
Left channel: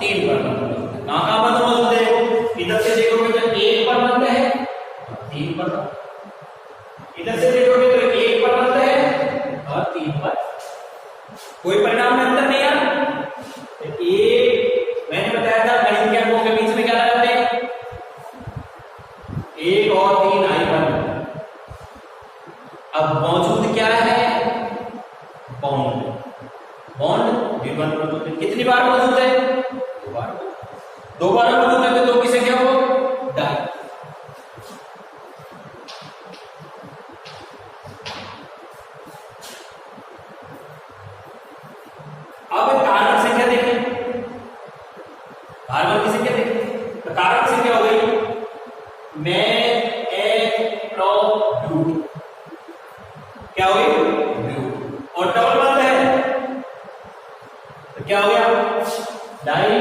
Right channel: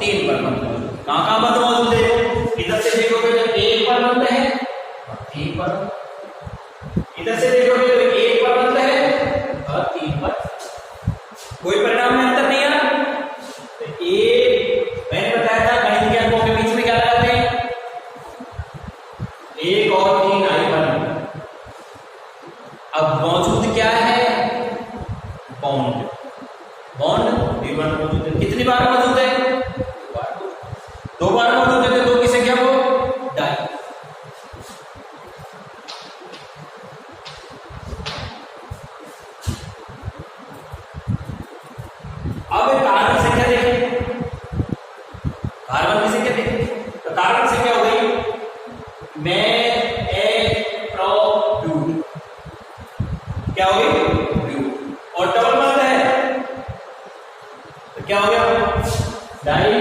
3 पर बंद। कहां बंद मौजूद है? इधर से देखोगे तो 1 पर बंद है और 3 पर। इधर से देखोगे तो 1 पर बंद है और 3 पर। कोई परिणाम में अंतर नहीं आ रहा। तो एक मैंने बताया था गणित के अंकों के बीच में क्या लगाते हैं? 1 और 3 हाइफन अब मौजूद क्या है? बॉन्ड। बॉन्ड B1 मौजूद है। कितनी बार मौजूद है? 2 बार। 2 बार मौजूद है तो 2 की संख्या को डाई। अब कार्बन संख्या देखें, कार्बन की संख्या देखें तो कार्बन संख्या हो गई में ए प्रो ब्यूट, क्या हो गई? ब्यूट। और डबल बॉन्ड है तो क्या हो गया? डाई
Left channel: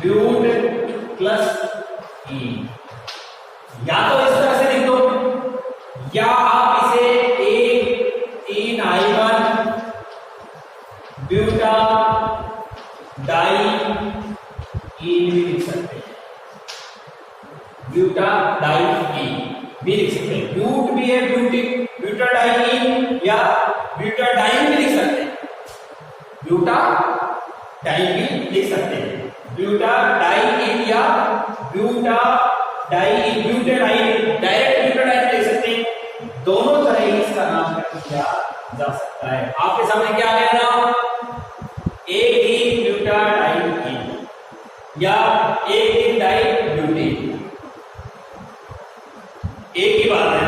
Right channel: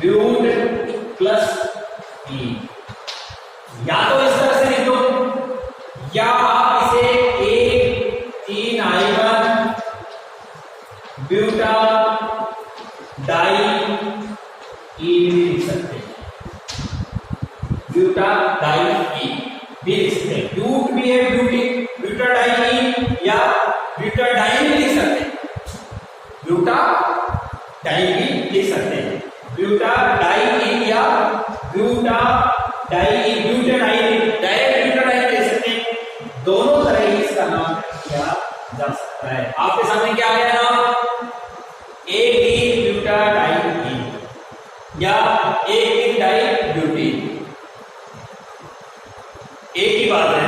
ब्यूट प्लस ई। या तो इस तरह से लिख दो, या आप इसे A3I1 ब्यूटा डाई ई भी लिख सकते हैं। ब्यूटा डाई ई भी लिख सकते हैं। ब्यूट भी है, ब्यूटा डाई ई, या ब्यूटा डाई भी लिख सकते हैं। ब्यूटा डाई भी लिख सकते हैं। ब्यूटा डाई ई या butadiene, butadiene, direct butadiene लिख सकते हैं। दोनों तरह ही इसका नामकरण किया जा सकता है। आपके सामने क्या आया नाम? एक ब्यूटा डाई ई या एक डाई ब्यूटीन, एक ही बात है।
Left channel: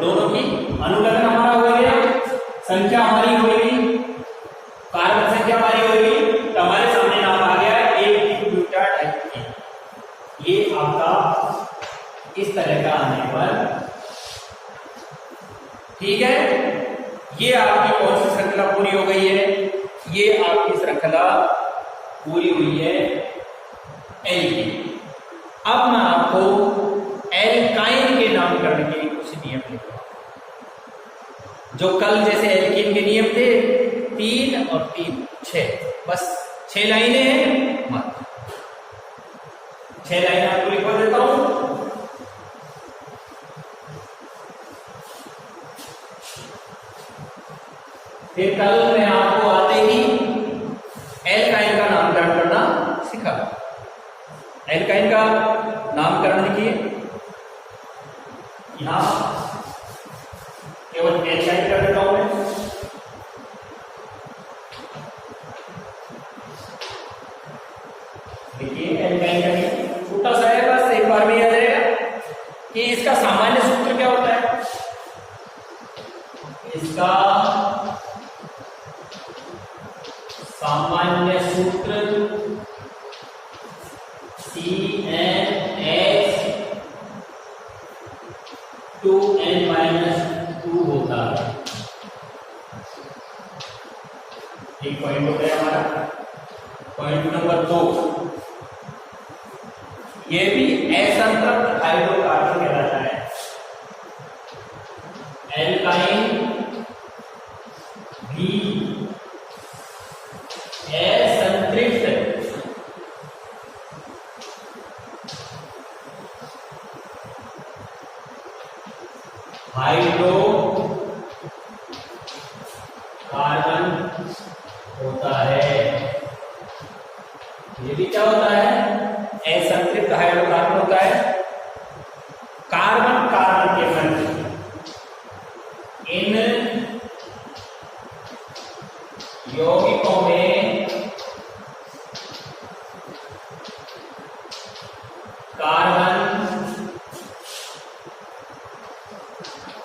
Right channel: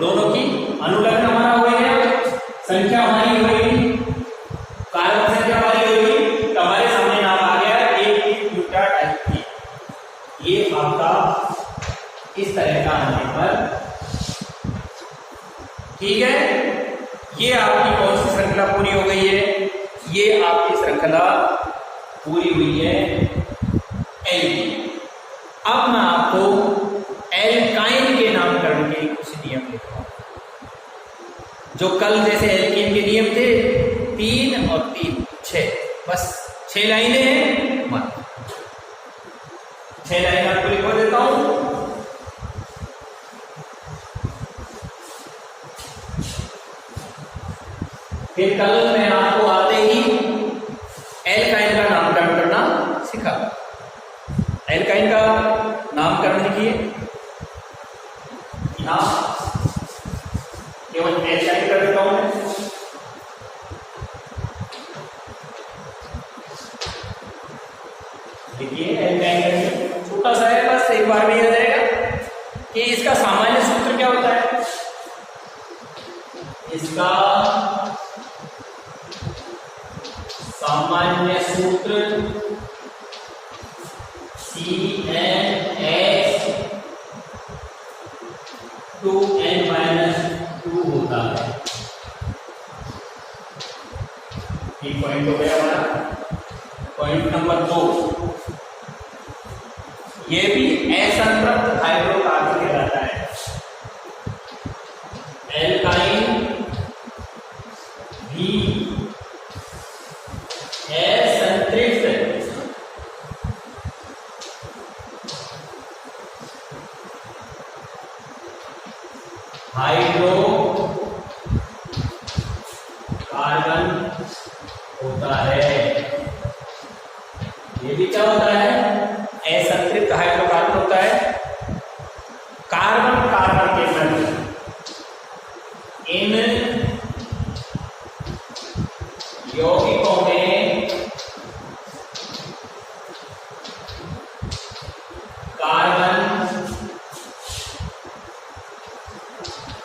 दोनों की अनुलग्न हमारा हो गया, संख्या हमारी होगी, कार्बन संख्या हमारी होगी, तो हमारे सामने नाम आ गया एक ब्यूटा डाई ई। ये आपका इस तरह का आने पर ठीक है। ये आपकी कौन सी श्रृंखला पूरी हो गई है? ये आपकी श्रृंखला पूरी हुई है एल की। अब मैं आपको एल्काइन के नामकरण के कुछ नियम लिखूंगा, जो कल जैसे एल्कीन के नियम थे 3 और 3 6, बस 6 लाइनें हैं मत। 6 लाइनें आपको लिखवा देता हूं। फिर कल मैं आपको आते ही एल्काइन का नामकरण करना सिखा। एल्काइन का नामकरण लिखिए, यहां केवल एल्काइन कर देता हूं मैं। देखिए एल्काइन छोटा सा है, बस एक बार में याद रहेगा कि इसका सामान्य सूत्र क्या होता है। इसका सामान्य सूत्र CnH2n-2 होता है। एक पॉइंट हो गया हमारा। पॉइंट नंबर 2, ये भी असंतृप्त हाइड्रोकार्बन कहलाता है। एल्काइन भी असंतृप्त हाइड्रोकार्बन होता है। ये भी क्या होता है? असंतृप्त हाइड्रोकार्बन होता है। कार्बन कार्बन के मध्य इन यौगिकों में कार्बन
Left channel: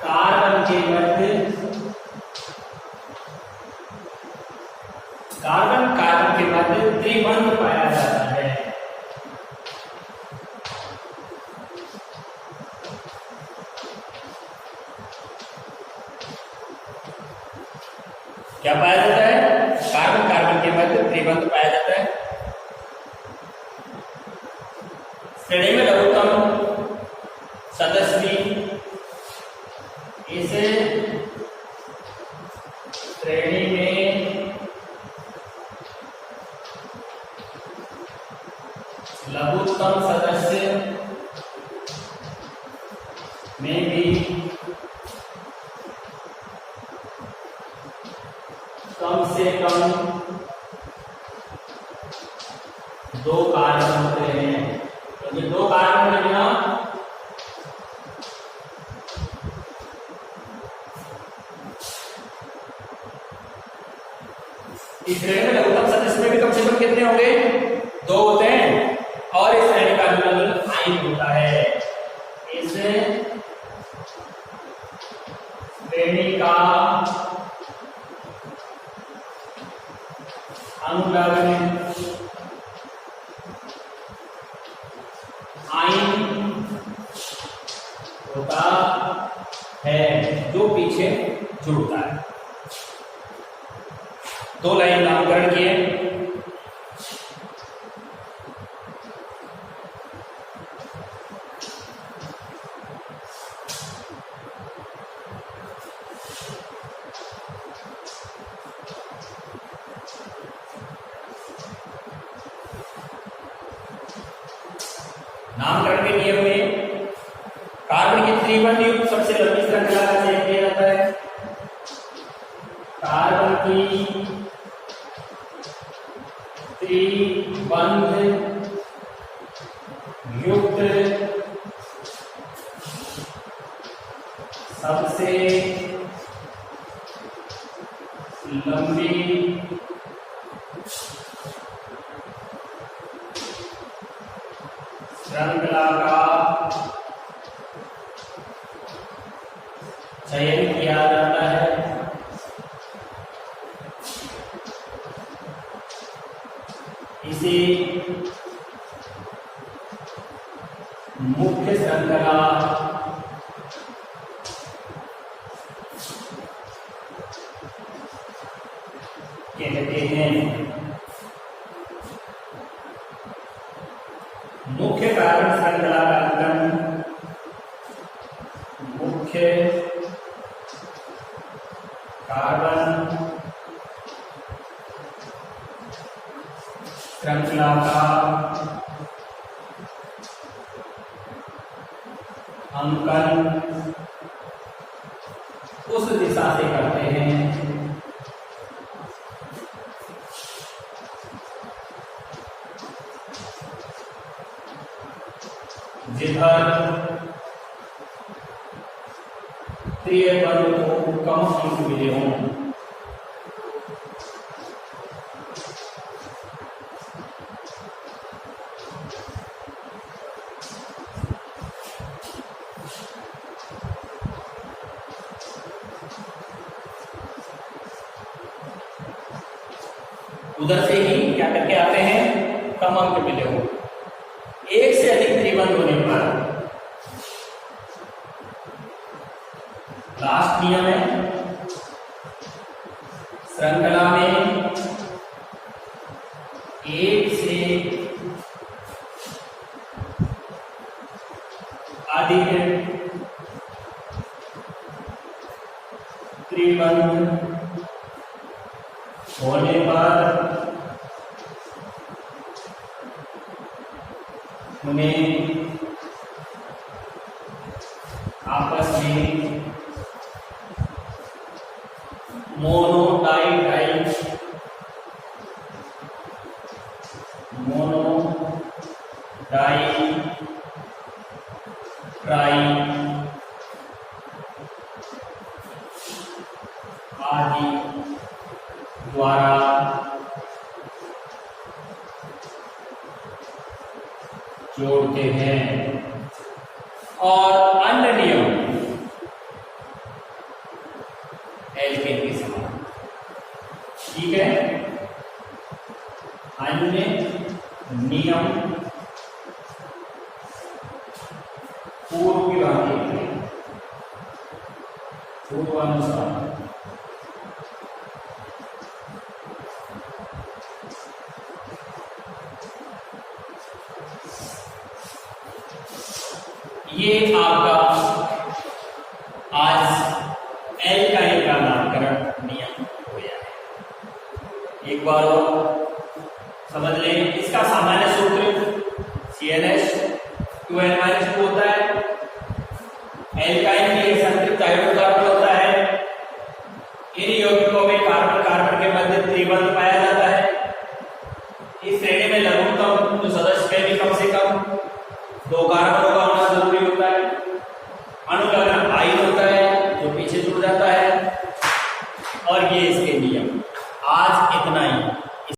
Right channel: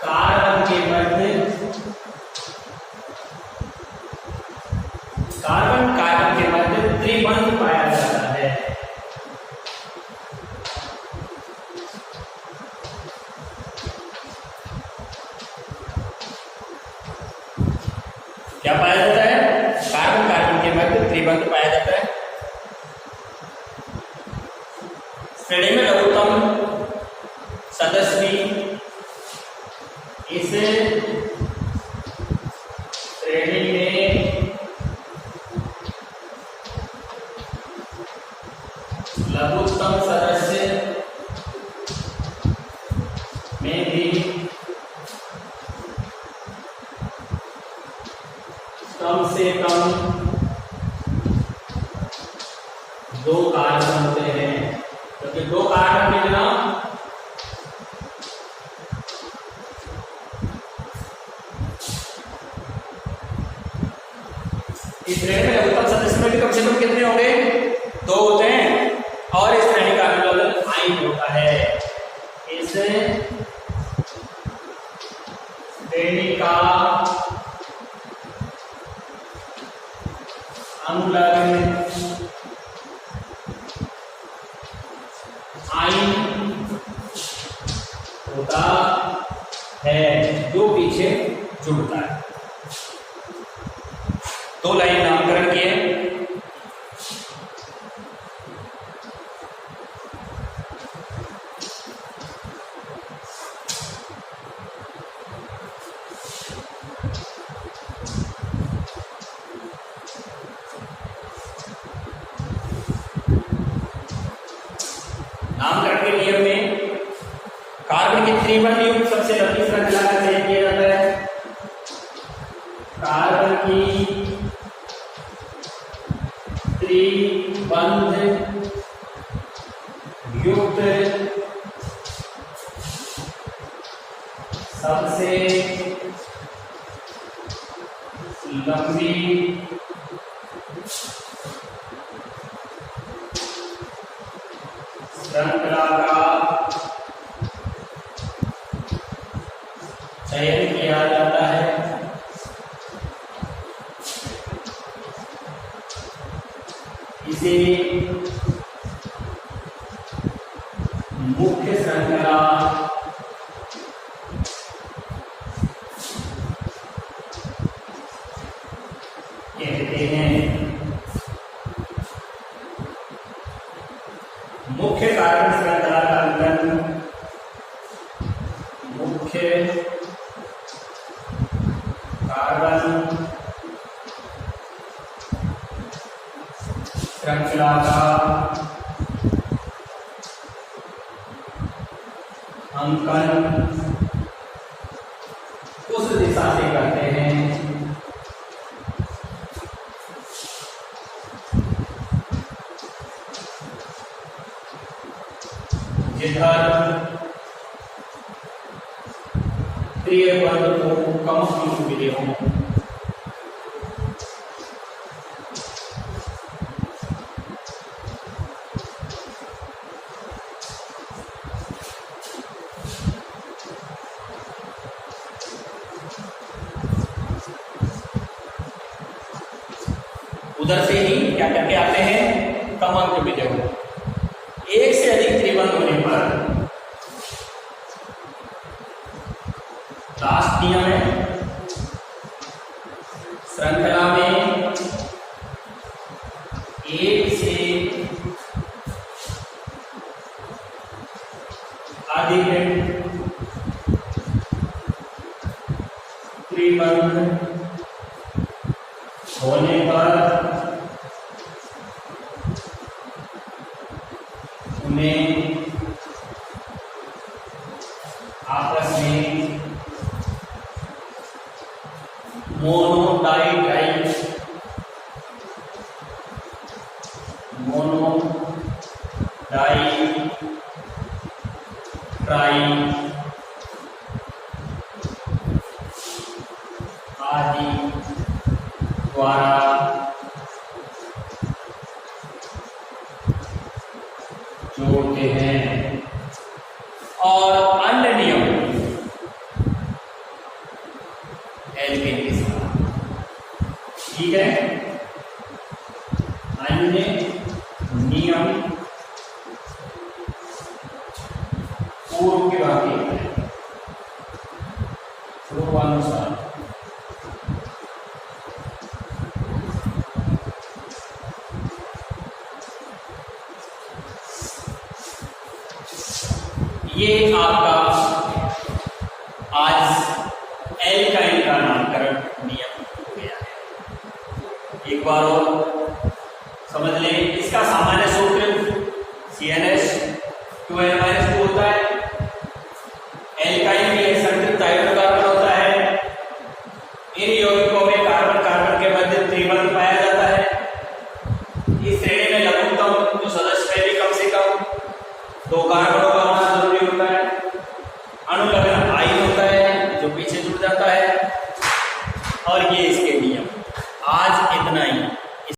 कार्बन के मध्य कार्बन कार्बन के मध्य त्रिबंध पाया जाता है। क्या पाया जाता है? कार्बन कार्बन के मध्य त्रिबंध पाया जाता है। श्रेणी में लघुत्तम सदस्य भी इस श्रेणी में लघुत्तम सदस्य में भी कम से कम 2 कार्बन होते हैं, क्योंकि 2 कार्बन के बिना इस श्रेणी में लघुत्तम सदस्य में भी कम से कम कितने होंगे? 2 होते हैं और इस श्रेणी का अनुलग्न आइन होता है। इस श्रेणी का अनुलग्न आइन होता है जो पीछे जुड़ता है। 2 लाइन नामकरण किए। नामकरण के नियम में कार्बन की त्रिबंध युक्त सबसे लंबी श्रृंखला का चयन किया जाता है। कार्बन की त्रिबंध युक्त सबसे लंबी श्रृंखला का चयन किया जाता है। इसे मुख्य श्रृंखला कहते हैं। मुख्य कार्बन श्रृंखला का अंकन मुख्य कार्बन श्रृंखला का अंकन उस दिशा से करते हैं जिधर त्रिबंध को कम अंक मिले हों। उधर से ही क्या करके आते हैं? कम अंक मिले हों। एक से अधिक त्रिबंध होने पर लास्ट नियम है, श्रृंखला में एक से अधिक त्रिबंध होने पर उन्हें आपस में मोनोडाइट्राइड आदि द्वारा जोड़ते हैं। और अन्य नियम एल्केन के समान, ठीक है। अन्य नियम पूर्व की भांति है, पूर्वानुसार ये आपका आज एल्काइल का नामकरण नियम हो गया है। एक बार और समझ लें, इसका सामान्य सूत्र CnH2n-2 होता है। एल्काइल में संतृप्त हाइड्रोजन कार्बन होता है। इन यौगिकों में कार्बन कार्बन के मध्य त्रिबंध पाया जाता है। इस श्रेणी में लघुत्तम जो सदस्य में भी कम से कम 2 कार्बन